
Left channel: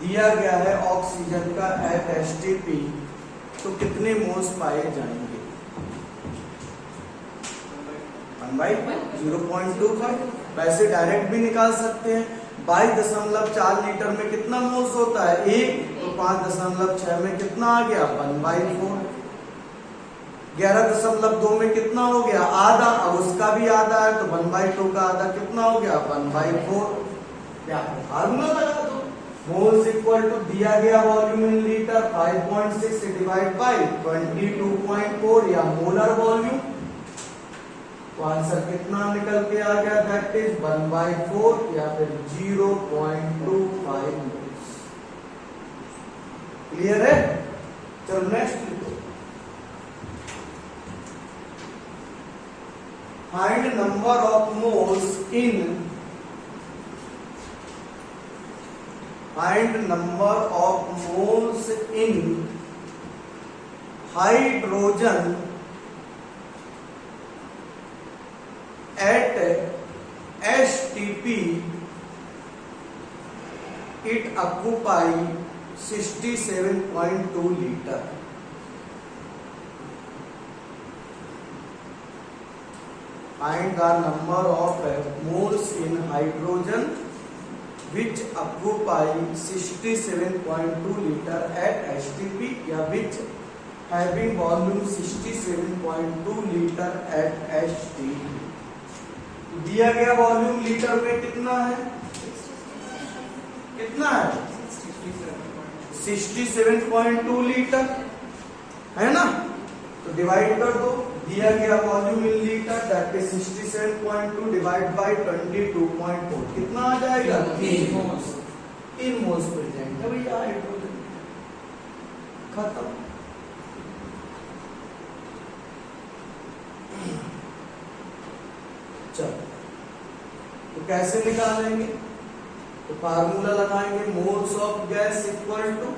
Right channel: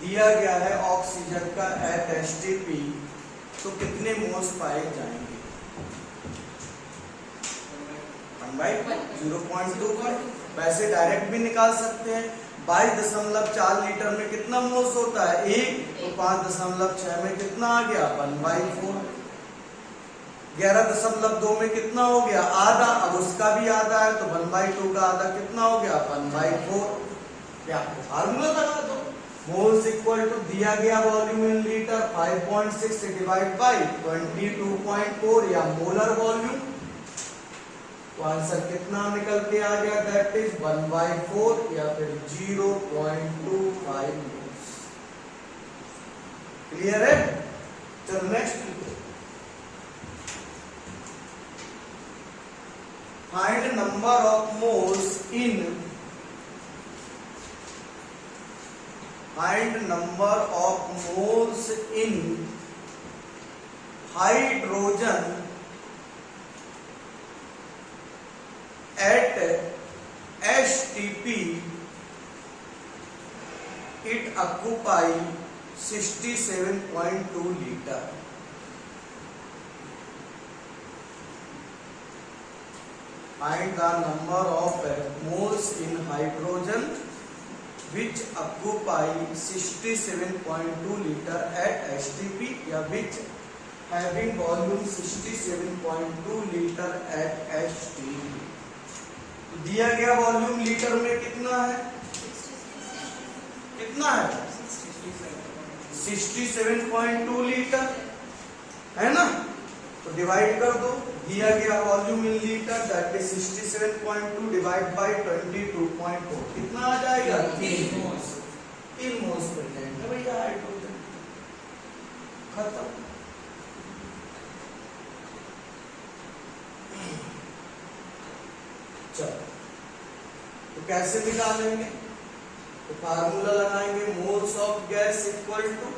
दिया गया है ऑक्सीजन का एट एसटीपी, तो कितने मोल्स पाए जाएंगे, 1/0.25। वैसे डायरेक्ट भी निकाल सकते हैं, 22.4 लीटर में कितना मोल्स होता है, 1, तो 5.6 में कितना आ गया, 1/4। 11.2 में कितना हो गया, आधा, अब उसका भी आधा है तो 1/2 का आधा कितना हो गया, 1/4। फार्मूला लगा दो, मोल्स इक्वल टू दिया गया वॉल्यूम इन लीटर 5.6 से डिवाइड बाय 22.4 या मोलर वॉल्यूम, तो आंसर कितना निकल के आ गया, दैट इज 1/4 या फिर 0.25 मोल्स। क्लियर है। चलो next, find number of moles in, find number of moles in hydrogen at STP, it occupy 67.2 liter। Find the number of moles in hydrogen which occupy 67.2 liter at STP या which having volume 67.2 liter at STP। दिया गया volume litre में कितना है, कितना है, 67.2 litre है ना, तो डिवाइड कर दो, दिया गया volume in litre that is 67.2 divide by 22.4, कितना आ जाएगा, 3 मोल्स। 3 मोल्स प्रेजेंट है भैया हाइड्रोजन, खत्म। चलो तो कैसे निकालेंगे, तो फार्मूला लगाएंगे moles of gas equal to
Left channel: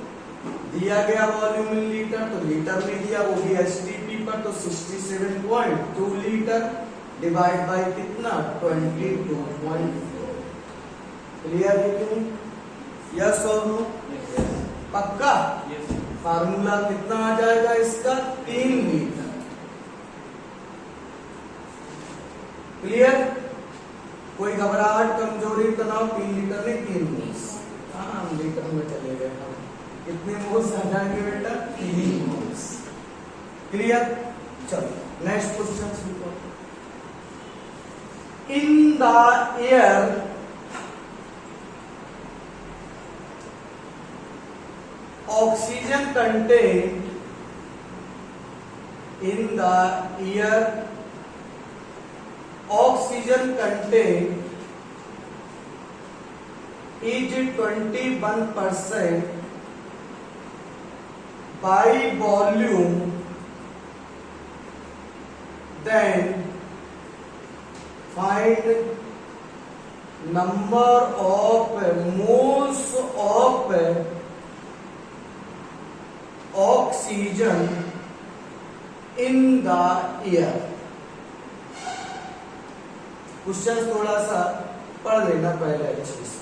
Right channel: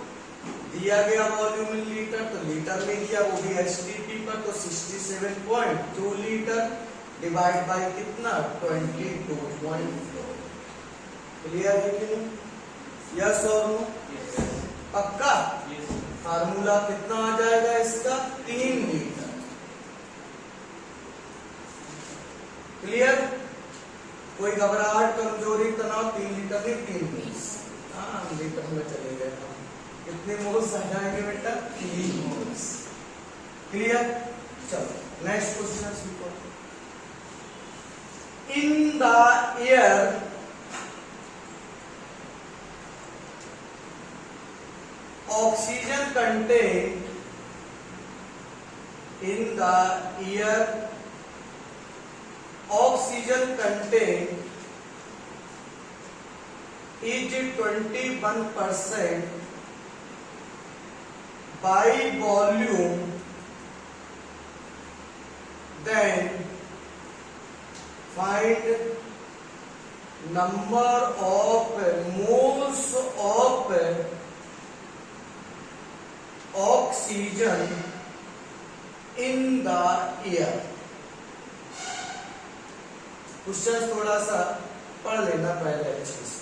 दिया गया वॉल्यूम इन लीटर, तो लीटर में दिया वो भी एसटीपी पर, तो 67.2 लीटर डिवाइड बाय कितना, 22.4। क्लियर है कि नहीं, यस और नो, पक्का। फार्मूला कितना आ जाएगा इसका, 3 लीटर। क्लियर, कोई घबराहट, कमजोरी, तनाव, 3 लीटर नहीं 3 मोल्स। हाँ लीटर में चले गए, कितने मोल्स आ जाएंगे बेटा, 3 मोल्स। क्लियर। चलो नेक्स्ट क्वेश्चन सीखो। इन the air oxygen contain in the air oxygen content is 21% by volume, then find number of moles of oxygen in the air. Question थोड़ा सा पढ़ लेना पहले अच्छे से।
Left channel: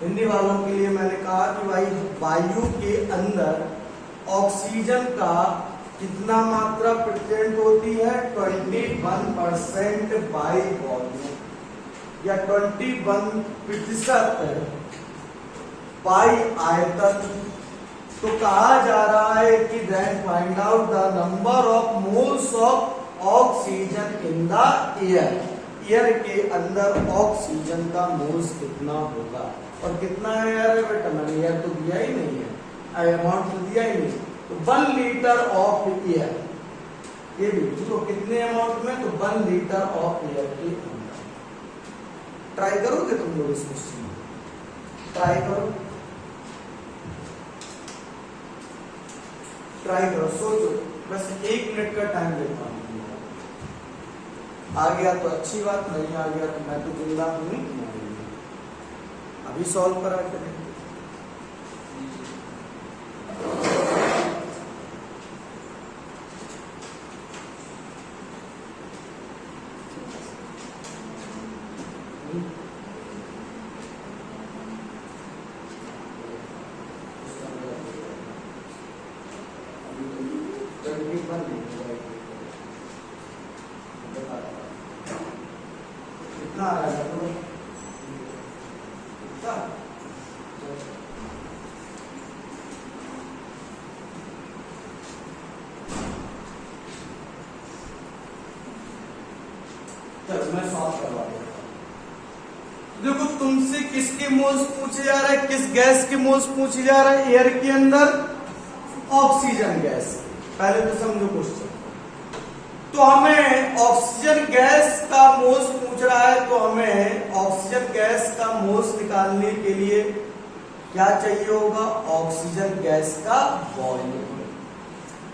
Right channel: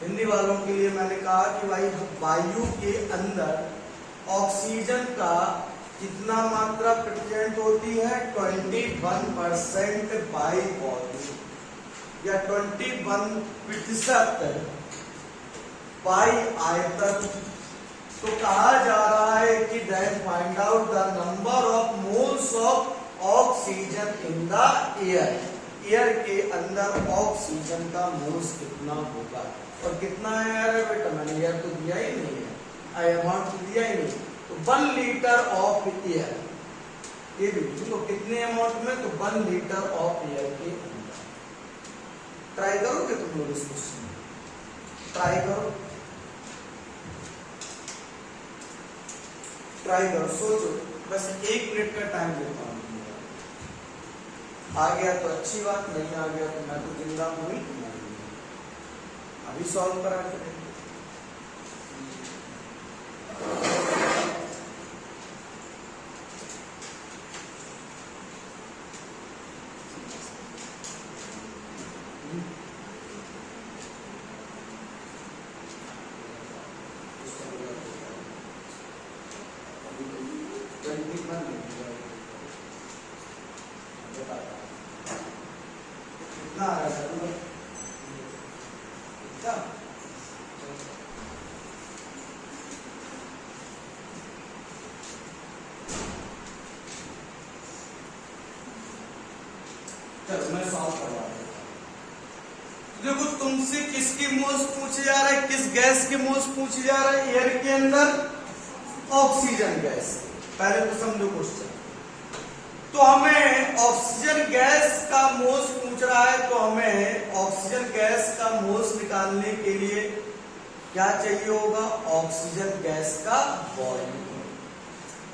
हिंदी वालों के लिए मैंने कहा कि भाई वायु के अंदर ऑक्सीजन का कितना मात्रा प्रेजेंट होती है, 21% बाई वॉल्यूम या 21% बाई आयतन। तो कहा जा रहा है कि then find out the number of moles of oxygen in the air. Air के अंदर ऑक्सीजन का मोल्स कितना होगा, और कितना है यार बेटा, मैंने एयर तो दिया ही नहीं है, अमाउंट तो दिया ही नहीं। तो 1 लीटर ऑफ एयर, ये भी तो कितने अमाउंट में, तो 1 लीटर ऑफ एयर के अंदर। ट्राई करोगे तुम लोग इस क्वेश्चन में, ट्राई करो, ट्राई करो, सोचो, बस 1 मिनट का टाइम देता हूँ। आ गया तो अच्छी बात, नहीं आ गया तो मैं तो जिंदा हूँ, अभी सॉल्व करा के देखते। कितना आ रहा है चलो मैं सॉल्व करवा देता हूं। देखो तुमसे किसके मोल्स पूछे जा रहे हैं, किस गैस के मोल्स पूछे जा रहे हैं, एयर के अंदर ऑक्सीजन गैस। पहले तो समझो क्वेश्चन। तो हमें ऑक्सीजन गैस का मोल्स पूछ रहा है, तो हमें ऑक्सीजन गैस का मोल्स निकालने के लिए क्या चाहिए होगा, ऑक्सीजन गैस का वॉल्यूम।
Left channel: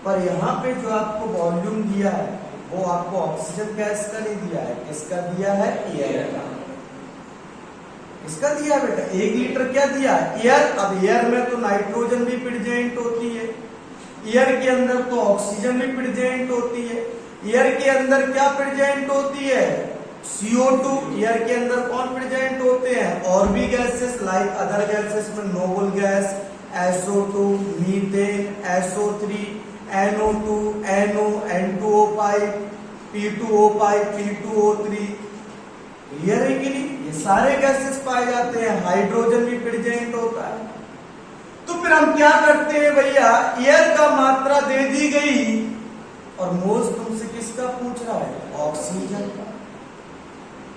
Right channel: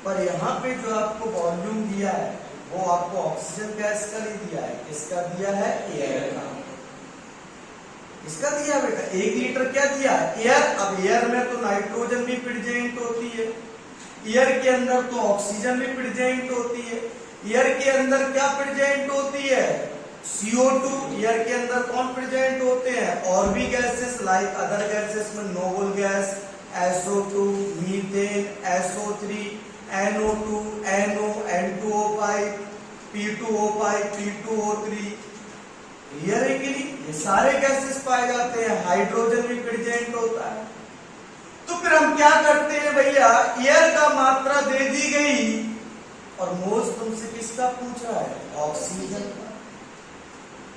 पर यहाँ पे जो आपको वॉल्यूम दिया है वो आपको ऑक्सीजन गैस का नहीं दिया है, किसका दिया है, एयर का। इसका दिया बेटा 1 लीटर क्या दिया, एयर। अब एयर में तो नाइट्रोजन भी प्रेजेंट होती है, एयर के अंदर तो ऑक्सीजन भी प्रेजेंट होती है। एयर के अंदर क्या प्रेजेंट होती है, CO2। एयर के अंदर कौन प्रेजेंट होते हैं, और भी गैसेस लाइक अदर गैसेस में noble gas, SO2, methane, SO3, NO2, NO, N2O5, P2O5, P2O3। Clear है कि नहीं, ये सारे गैसेस पाए जाते हैं, हाइड्रोजन भी प्रेजेंट होता है। तो फिर हम क्या करते हैं भैया, एयर का मात्रा दे दी गई और मोल्स तुमसे किसका पूछ रहा है, ऑक्सीजन का।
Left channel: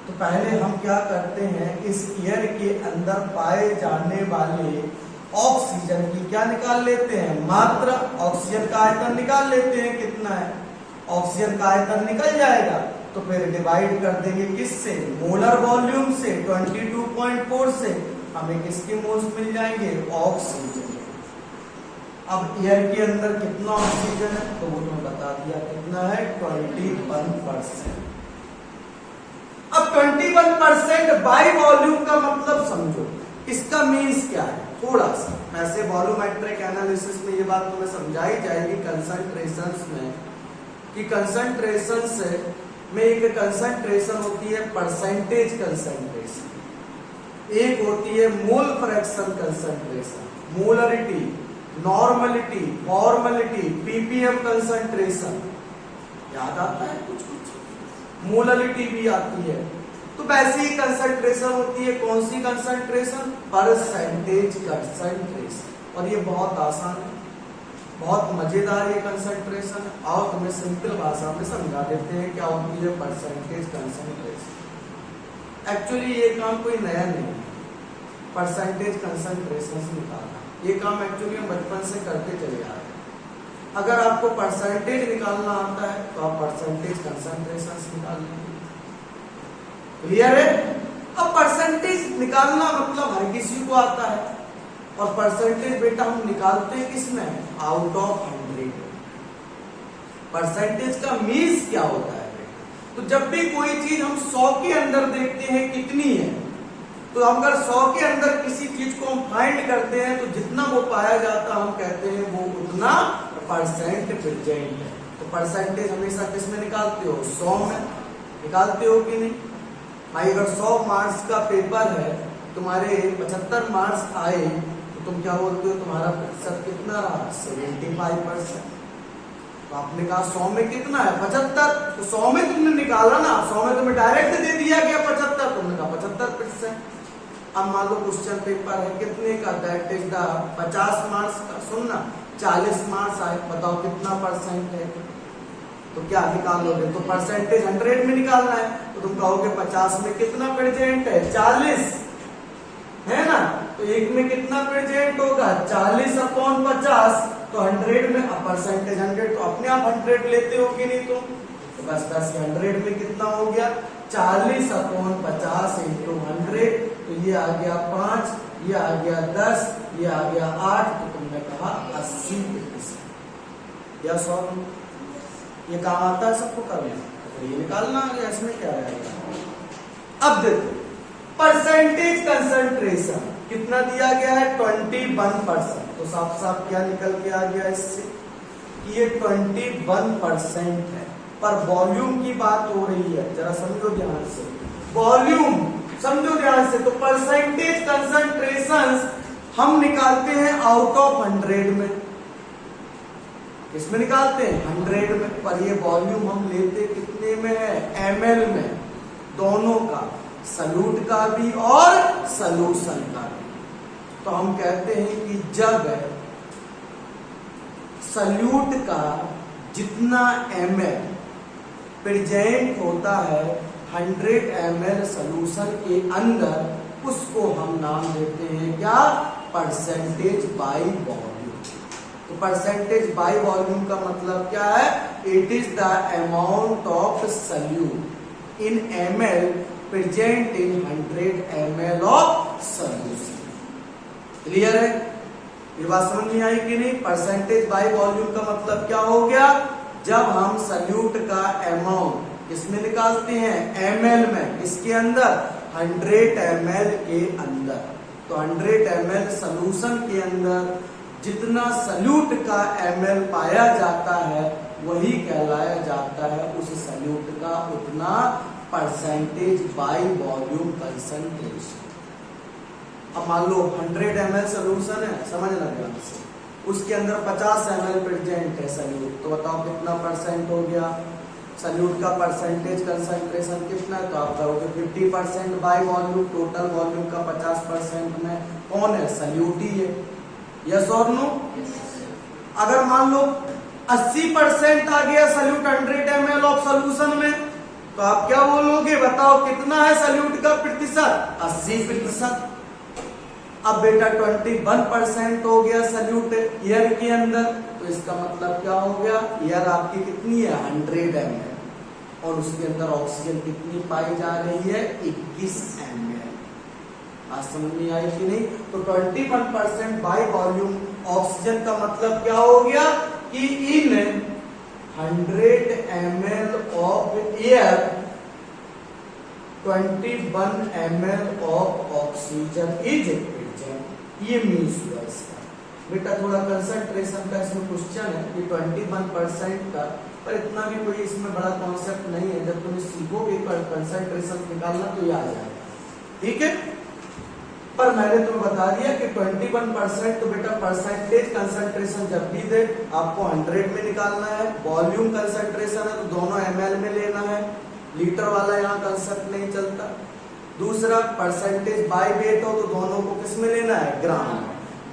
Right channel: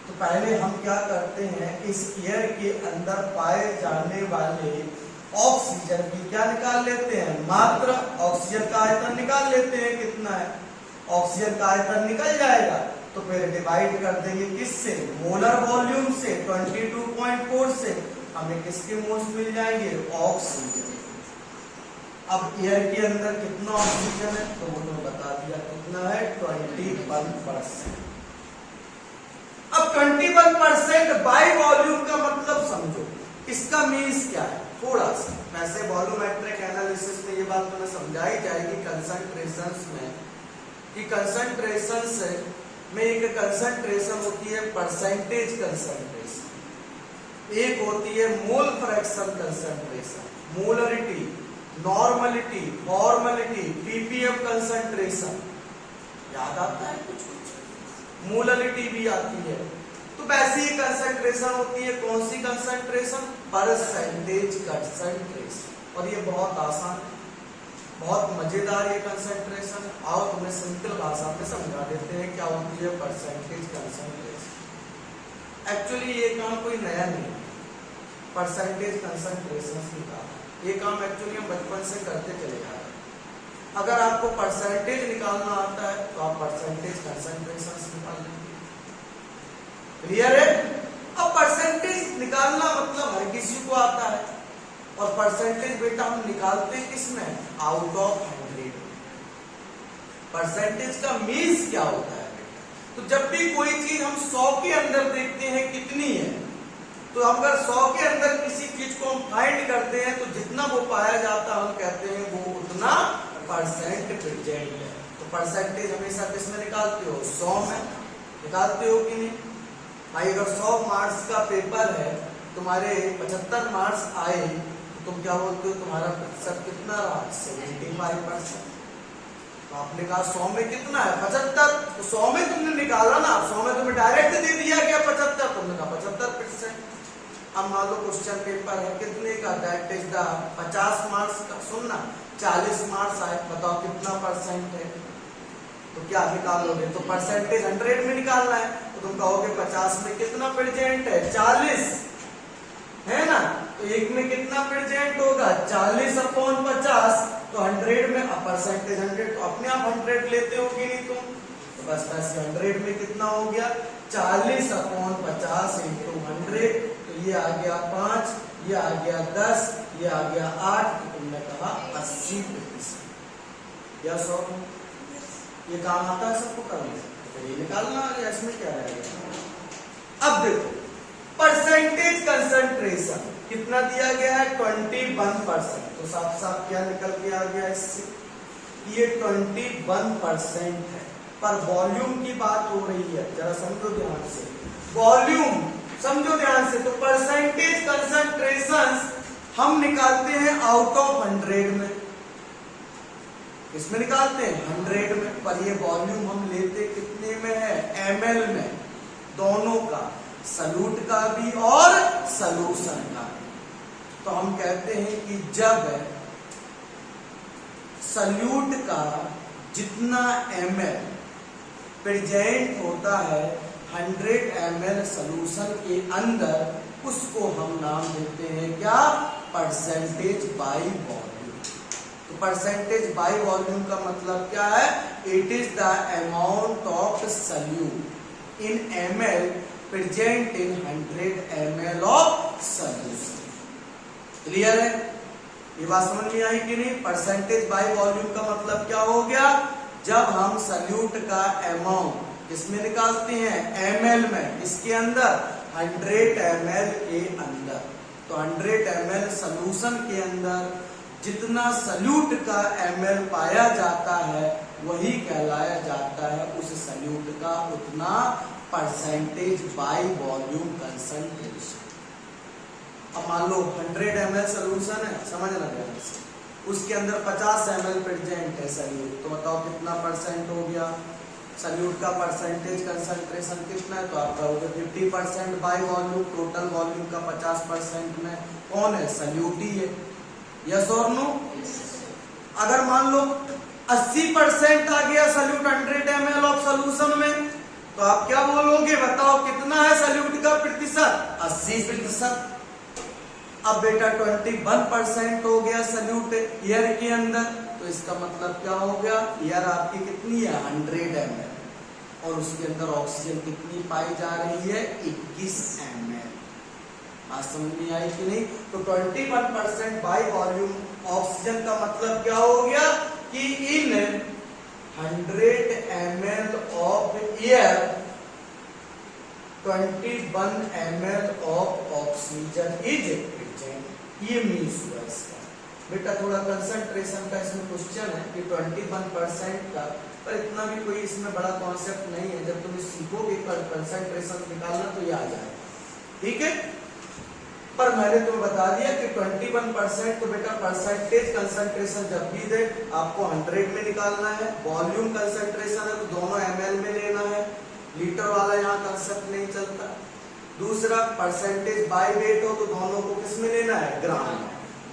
तो पहले हम क्या करते हैं, इस एयर के अंदर पाए जाने वाले ऑक्सीजन की क्या निकाल लेते हैं, मात्रा। ऑक्सीजन का आयतन निकाल लेते हैं कितना है, ऑक्सीजन का आयतन निकल जाएगा तो फिर डिवाइड कर देंगे किससे, मोलर वॉल्यूम से, 22.4 से। हमें किसके मोल्स मिल जाएंगे, ऑक्सीजन। अब एयर के अंदर कितना ऑक्सीजन है, तो वो तो बता दिया कितना है, 21%। अब 21% बाई वॉल्यूम का मतलब समझो, इसका मीन्स क्या है, थोड़ा सा वैसे वॉल्यूमेट्रिक एनालिसिस में ये बात तुम्हें समझाई जाएगी कंसंट्रेशंस में, कि कंसंट्रेशन में एक कंसंट्रेशन होती है परसेंटेज कंसंट्रेशन, एक होती है mole fraction concentration, molarity, normality, formality, ppm concentration. याद आता है कुछ कुछ, मोलरिटी भी आती है। तो वैसी कंसंट्रेशन होती है, कौन सी कंसंट्रेशन, परसेंटेज कंसंट्रेशन। और ये बहुत आसान है, बहुत मजेदार ये कंसंट्रेशन। आओ तुम्हें सिंपल भाषा में समझा देते हैं क्या होती है परसेंटेज कंसंट्रेशन। एक्चुअली ये काम कोई नया नहीं है, परसेंटेज कंसंट्रेशन निकालना। ये काम एक्चुअली हम बचपन से करते चले आ रहे हैं। अगर आपको परसेंटेज निकालना आता है तो आप परसेंटेज कंसंट्रेशन निकाल लेंगे। क्लियर है? अब परसेंटेज निकालना मतलब हर किसी को आता है, और परसेंटेज बेटा हम निकालते हैं किसमें? Out of 100। परसेंटेज का मीन्स क्या होता है बेटा? तो जब भी कोई चीज हम 100 के अंदर देखते हैं कितनी है, तो अगर 100 के अंदर किसी चीज को हम फाइंड करते हैं तो जितना वो पाया जाता है हम कहते हैं वो उतना परसेंट प्रेजेंट है। तो परसेंटेज हमेशा किसमें निकालते हो? 100 में निकालते हो कि नहीं भाई? अगर 100 मार्क्स का पेपर है, तुम्हारे 75 मार्क्स आए, तो तुम क्या बोलते हो? तुम्हारा प्रतिशत कितना रहा? 75%। तो आपने कहा 100 में कितना है? 75। तो 100 में तुमने निकाला ना, 100 में तुम्हें डायरेक्ट दे दिया गया 75, तुमने कहा 75%। अब मान लो क्वेश्चन पेपर है कितने का? दैट इज द 50 मार्क्स का। सुनना, 40 मार्क्स आए, बताओ कितना परसेंट है? तो क्या निकालोगे? तो परसेंटेज 100 में निकालना है, तो तुम कहोगे 50 में कितना प्रेजेंट है? 40 है ना? तो एक में कितना प्रेजेंट होगा? 40/50। तो 100 में परसेंटेज 100, तो अपने आप 100 लेते हो कि नहीं? तो बस 100 में कितना हो गया? 40/50 इंटू 100। तो ये आ गया 5, ये आ गया 10, ये आ गया 8। तो तुमने कहा 80%। या 100? ये काम आता है सबको करना, तो ये निकालना आ गया, इसमें क्या रहेगा? अब देखो परसेंटेज कंसंट्रेशन कितना दिया गया है? 21%। तो साफ साफ क्या निकल के आ गया इससे? ये 21% है। पर वॉल्यूम की बात हो रही है, जरा समझो ध्यान से, वॉल्यूम समझो ध्यान से। तो परसेंटेज कंसंट्रेशन हम निकालते हैं आउट ऑफ 100 में। किसमें निकालते हैं? 100 में। पर ये वॉल्यूम हम लेते कितने में है? ml में, दोनों का, सल्यूट का भी और सॉल्यूशन का भी। तो हम कहते हैं कि जब सल्यूट का जितना ml प्रेजेंट होता है 100 ml सॉल्यूशन के अंदर, उसको हम नाम देते हैं क्या? Percentage by volume. तो परसेंटेज बाय वॉल्यूम का मतलब क्या है? It is the amount of solute in ml present in 100 ml of solution. Clear है? ये बात समझ में आई कि नहीं? परसेंटेज बाय वॉल्यूम का मतलब क्या हो गया? जब हम सल्यूट का अमाउंट किसमें निकालते हैं? ml में। इसके अंदर 100 ml के अंदर। तो 100 ml सॉल्यूशन के अंदर जितना सल्यूट का ml पाया जाता है वही कहलाया जाता है उस सल्यूट का उतना परसेंटेज बाय वॉल्यूम कंसंट्रेशन। अब मान लो 100 ml सॉल्यूशन है, समझना ध्यान से, उसके अंदर 50 ml प्रेजेंट है सल्यूट। तो बताओ कितना परसेंट हो गया? सल्यूट का परसेंटेज कंसंट्रेशन कितना है? तो आप कहोगे 50% बाय वॉल्यूम। टोटल वॉल्यूम का 50% में कौन है? सल्यूट ही है। यस और नो? अगर मान लो 80% आ गया सल्यूट 100 ml ऑफ सॉल्यूशन में, तो आप क्या बोलोगे? बताओ कितना है सल्यूट का प्रतिशत? 80%। अब बेटा 21% हो गया सल्यूट एयर के अंदर, तो इसका मतलब क्या हो गया? एयर आपकी कितनी है? 100 ml, और उसके अंदर ऑक्सीजन कितनी पाई जा रही है? 21 ml। आज समझ में आई कि नहीं? तो 21% बाय वॉल्यूम ऑक्सीजन का मतलब क्या हो गया? कि इन 100 ml of air 21 ml of oxygen is present. ये मीन्स हुआ इसका। बेटा थोड़ा कंसंट्रेशन का इसमें क्वेश्चन है कि 21% का, पर इतना भी कोई इसमें बड़ा कॉन्सेप्ट नहीं है। जब तुम सीखोगे कंसंट्रेशन निकालना तो ये आ जाएगा, ठीक है? पर मैंने तुम्हें बता दिया कि 21%। तो बेटा परसेंटेज कंसंट्रेशन जब भी दे आपको 100 में निकालना है। वॉल्यूम कंसंट्रेशन है तो दोनों ml में लेना है, लीटर वाला यहाँ कंसेप्ट नहीं चलता। दूसरा परसेंटेज बाय वेट हो तो दोनों को किस में लेना है? ग्राम।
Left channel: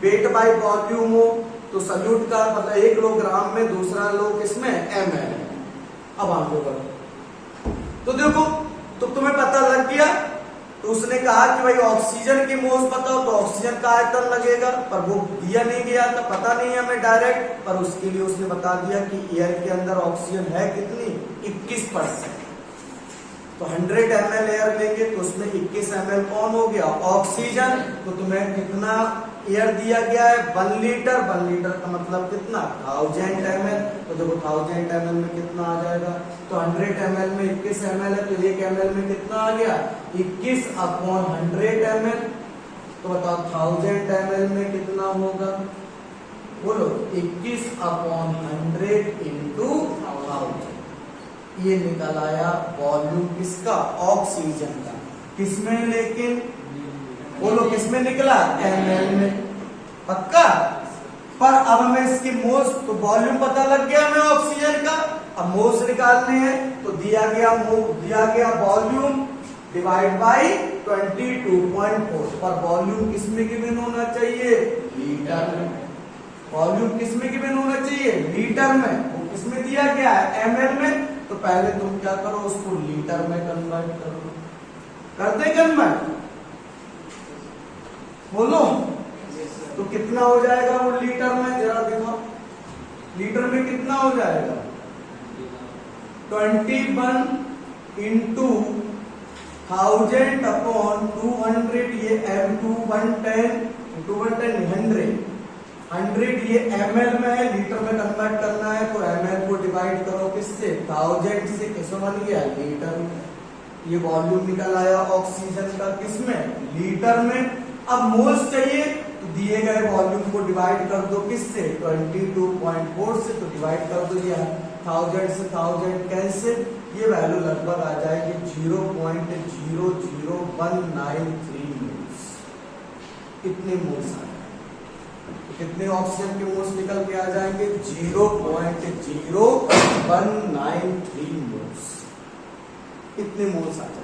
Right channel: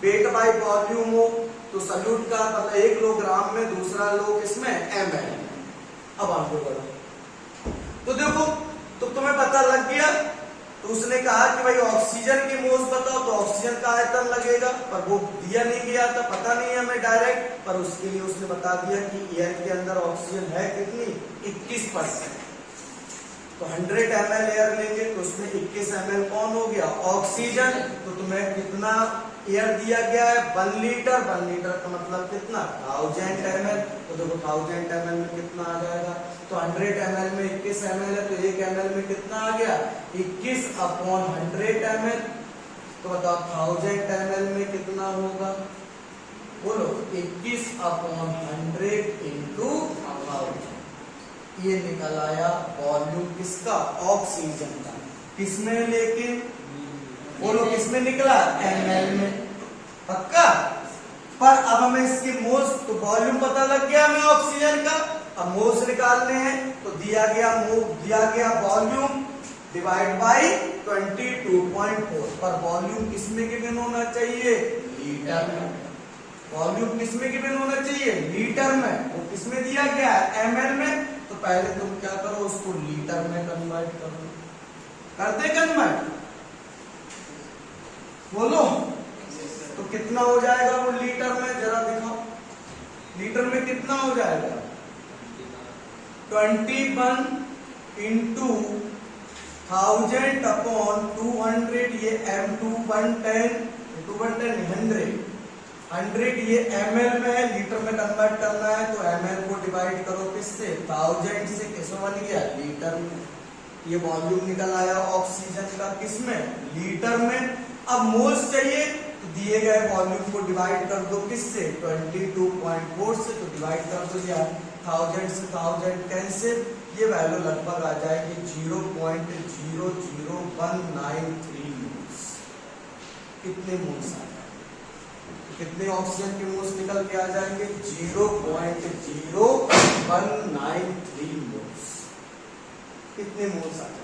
वेट बाय वॉल्यूम हो तो सल्यूट का मतलब 1 लो ग्राम में, दूसरा लो किसमें, ml। अब आगे बढ़ो तो देखो, तो तुम्हें पता लग गया। तो उसने कहा कि भाई ऑक्सीजन के मोल्स बताओ, तो ऑक्सीजन का आयतन लगेगा, पर वो दिया नहीं गया था, पता नहीं हमें डायरेक्ट, पर उसके लिए उसने बता दिया कि एयर के अंदर ऑक्सीजन है कितनी, 21%। तो 100 ml एयर लेंगे तो उसमें 21 ml कौन हो गया, ऑक्सीजन। तो तुम्हें कितना एयर दिया गया है, 1 लीटर। 1 लीटर का मतलब कितना, 1000 ml। तो देखो 1000 ml में कितना आ जाएगा, तो 100 ml में 21 ml है, तो 1 ml में कितना आ गया, 21/100 ml। तो बताओ 1000 ml में कितना होगा, बोलो 21/100 इंटू 1000। ये निकल आया वॉल्यूम किसका, ऑक्सीजन का। किसमें लेकिन, बोलो किसमें निकला, ml में, पक्का। पर अब हमें इसकी मोल्स, तो वॉल्यूम पता लग गया हमें ऑक्सीजन का, अब मोल्स निकालने हैं। तो दिया गया वॉल्यूम डिवाइड बाई 22.4, पर वॉल्यूम किसमें गिवन होना चाहिए, लीटर में। वॉल्यूम किसमें गिवन होना चाहिए, लीटर में। वो किसमें दिया गया है, ml में। तो पहले तुम क्या करो, उसको लीटर में कन्वर्ट कर दो। करते कन्वर्ट, बोलो तो कितना हो जाएगा वो लीटर में, जरा दिखाओ। लीटर में कितना हो जाएगा, 21 इंटू 1000/200। ये M2 110 100 ये ml में है, लीटर में कन्वर्ट करना है। तो ml को डिवाइड करो किससे, 1000 से, किसमें बन गया, लीटर में। ये वॉल्यूम निकल आया ऑक्सीजन का, किसमें, लीटर में। अब मोल्स चाहिए, तो दिए गए वॉल्यूम को डिवाइड कर दो किससे, 22.4 से। तो डिवाइड कर दो ये 1000 से 1010 से, ये वैल्यू लगभग आ जाएगी 0.00193 मोल्स। कितने मोल्स आ, कितने ऑक्सीजन के मोल्स निकल के आ जाएंगे, 0.0193 मोल्स। कितने मोल्स आ जाएंगे,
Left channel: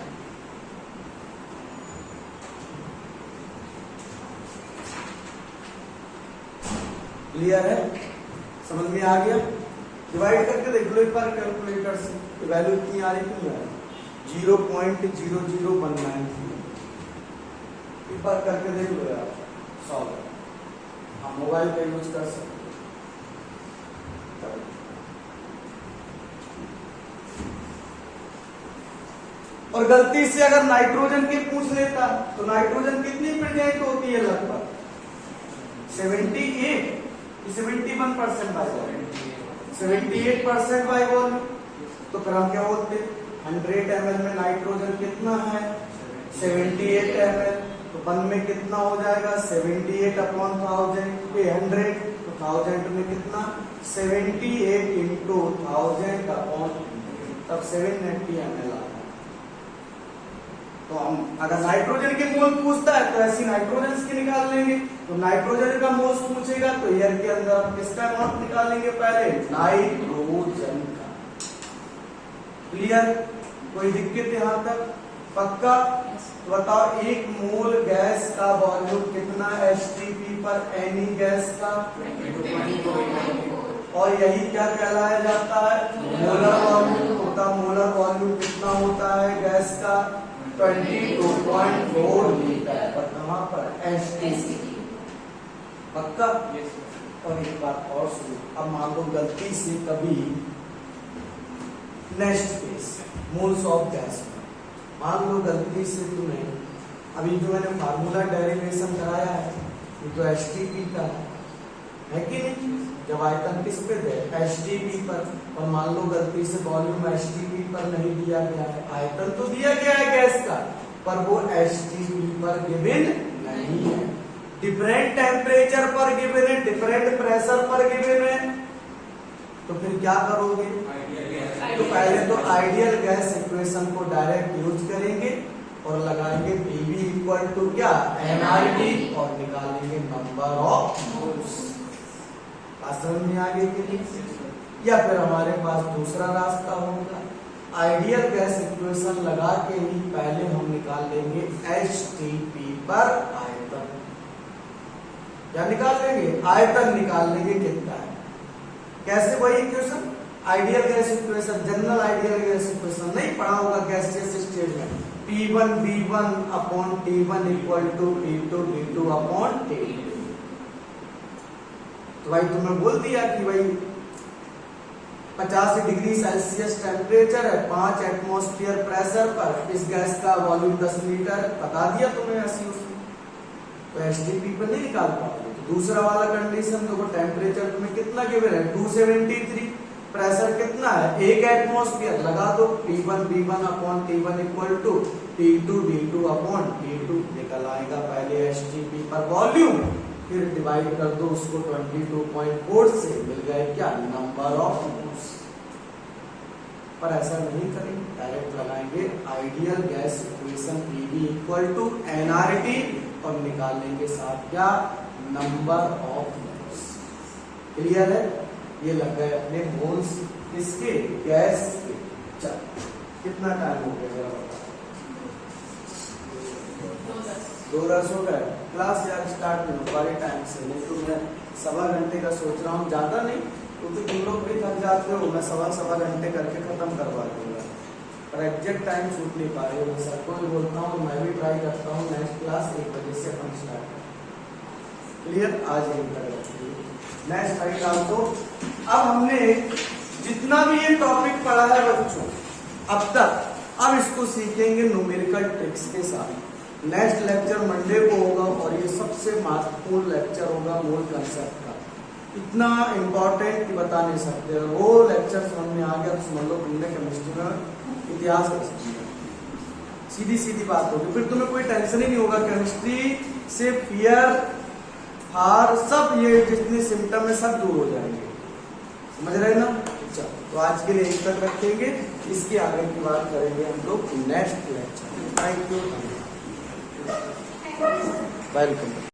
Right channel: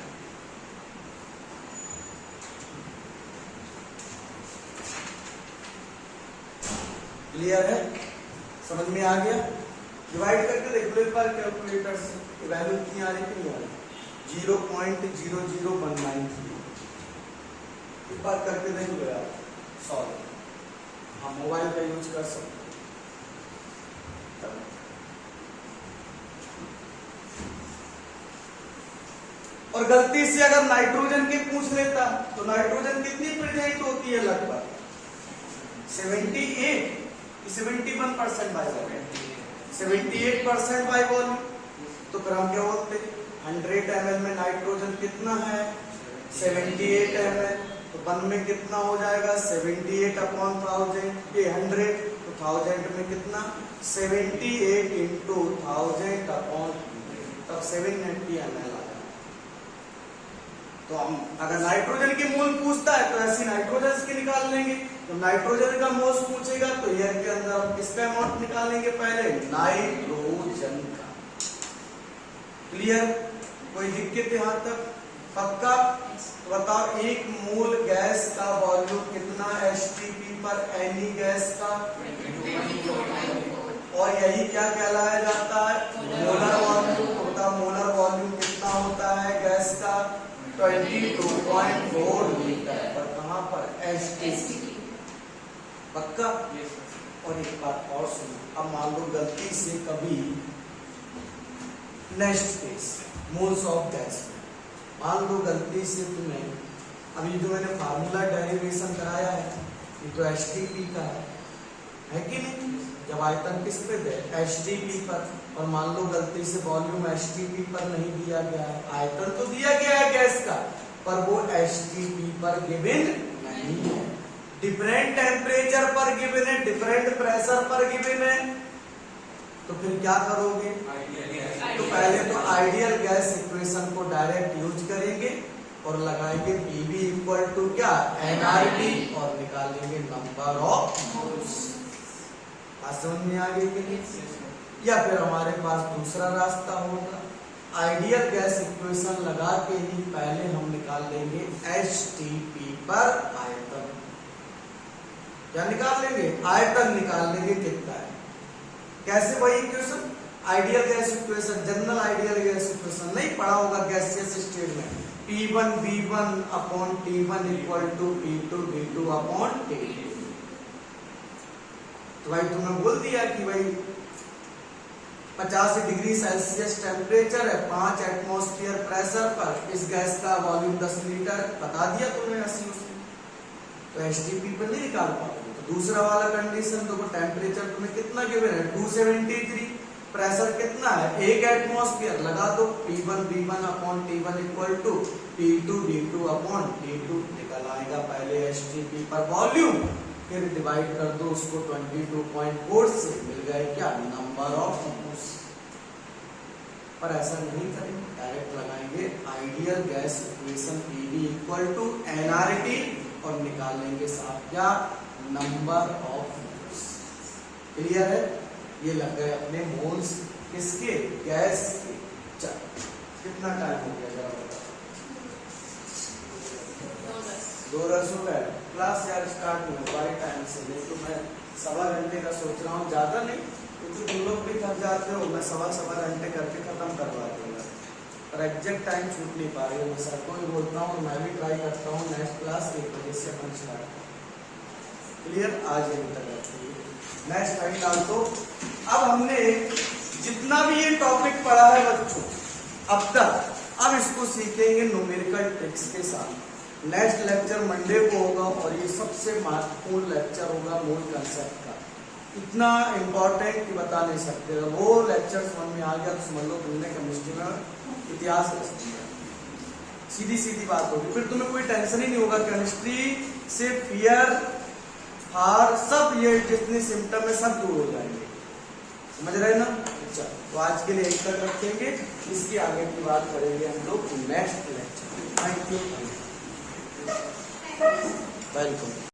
क्लियर है, समझ में आ गया। डिवाइड करके देख लो एक बार कैलकुलेटर से, वैल्यू कितनी आ रही, कितनी आ रही, 0.00193। एक बार करके देख लो यार, सॉल्व। हाँ, मोबाइल पे यूज कर सकते। और गलती से अगर नाइट्रोजन की पूछ लेता, तो नाइट्रोजन कितनी प्रेजेंट होती है, लगभग 71% बाय वॉल्यूम, 78% बाय वॉल्यूम। तो क्रम क्या बोलते, 100 ml में नाइट्रोजन कितना है, 78 ml। तो 1 में कितना हो जाएगा, 78/1000, ये 100। तो 1000 में कितना, 78 इंटू 1000/100, तब 790 ml। तो हम अगर नाइट्रोजन के मोल पूछता है तो ऐसी नाइट्रोजन के निकाल लेंगे। तो नाइट्रोजन का मोल्स पूछेगा तो एयर के अंदर हम किसका अमाउंट निकालेंगे, पहले नाइट्रोजन का। क्लियर, कोई दिक्कत यहां तक, पक्का। बताओ 1 मोल गैस का वॉल्यूम कितना है STP पर, एनी गैस का, और यही क्या कहलाया जाता है, मोलर वॉल्यूम होता। मोलर वॉल्यूम कितना होता है गैस का, 22.4 लीटर। पर कहां पर, STP, पक्का। और एक बात और सुनो, अब मान लो गलती से कभी next case, moles of gas, मान लो गलती से तुम्हें, अभी जो मैंने फार्मूला डेरिवेशन कराया है, ये तो STP का है कि नहीं, जब आयतन किस पे दे, STP पर। और मान लो गलती से वॉल्यूम STP पर नहीं दिया गया है, आयतन तो दिया गया है गैस का, पर वो STP पर गिवन नहीं है, डिफरेंट टेम्परेचर पर गिवन है, डिफरेंट प्रेशर पर गिवन है। तो फिर क्या करोगे, तो पहले तो आइडियल गैस इक्वेशन को डायरेक्ट यूज करेंगे और लगाएंगे PV इक्वल टू क्या, nRT, और निकालेंगे नंबर ऑफ मोल्स। समझ में आ गई कि नहीं, या फिर हमारे पास दूसरा रास्ता होगा, आइडियल गैस इक्वेशन लगा के ही पहले हम निकाल लेंगे STP पर आयतन। क्या निकाल लेंगे, आयतन निकाल लेंगे कितना है। कैसे वही equation, ideal gas equation, general ideal gas equation नहीं पढ़ा होगा गैसियस स्टेट में, P1 B1 upon T1 equal to P2 D2 upon T2। तो भाई तुमने बोल दिया कि भाई 50 डिग्री सेल्सियस टेम्परेचर है, 5 एटमॉस्फेयर प्रेशर पर, इस गैस का वॉल्यूम 10 लीटर, बता दिया तुम्हें ऐसी उसमें, तो एसटीपी पर नहीं निकाल पाओगे। तो दूसरा वाला कंडीशन, देखो टेम्परेचर तुम्हें कितना गिवन है 273, प्रेशर कितना है 1 एटमॉस्फेयर, लगा दो P1 B1 upon T1 equal to T2 D2 upon T2, निकल आएगा पहले एसटीपी पर वॉल्यूम, फिर डिवाइड कर दो उसको 22.4 से, मिल गए क्या नंबर ऑफ मोल्स। पर ऐसा नहीं करेंगे, डायरेक्ट लगाएंगे ideal gas equation PV equal to NRT और निकाल लेंगे साथ क्या नंबर ऑफ मोल्स। क्लियर है, ये लग गए अपने मोल्स किसके, गैस के। चल कितना टाइम हो गया, 2:10 हो गए। क्लास यार स्टार्ट नहीं हो पाई टाइम से, नहीं तो मैं 1.25 घंटे का सोच रहा हूँ, ज्यादा नहीं क्योंकि तुम लोग भी थक जाते हो, मैं 1.25 घंटे करके खत्म करवा दूंगा, पर एग्जैक्ट टाइम छूट नहीं पा रही है। मैं सर को भी बोलता हूँ, मैं भी ट्राई करता हूँ, नेक्स्ट क्लास 1 बजे से अपन स्टार्ट करें। क्लियर, आज यही करेगा मैं स्टार्ट डाल दो। अब हमने जितना भी ये टॉपिक पढ़ा है बच्चों अब तक, अब इसको सीखेंगे न्यूमेरिकल ट्रिक्स के साथ। नेक्स्ट लेक्चर मंडे को होगा और ये सबसे महत्वपूर्ण लेक्चर होगा मोल कंसेप्ट का, इतना इंपॉर्टेंट कि बता नहीं सकते। वो लेक्चर समझ में आ गया तो समझ लो तुमने केमिस्ट्री में इतिहास रच दिया, सीधी सीधी बात होगी, फिर तुम्हें कोई टेंशन ही नहीं होगा। केमिस्ट्री से फियर हार सब ये जितने सिम्टम है सब दूर हो जाएंगे, समझ रहे ना। अच्छा, तो आज के लिए एक तक रखेंगे, इसके आगे की बात करेंगे हम लोग next lecture. Thank you, welcome.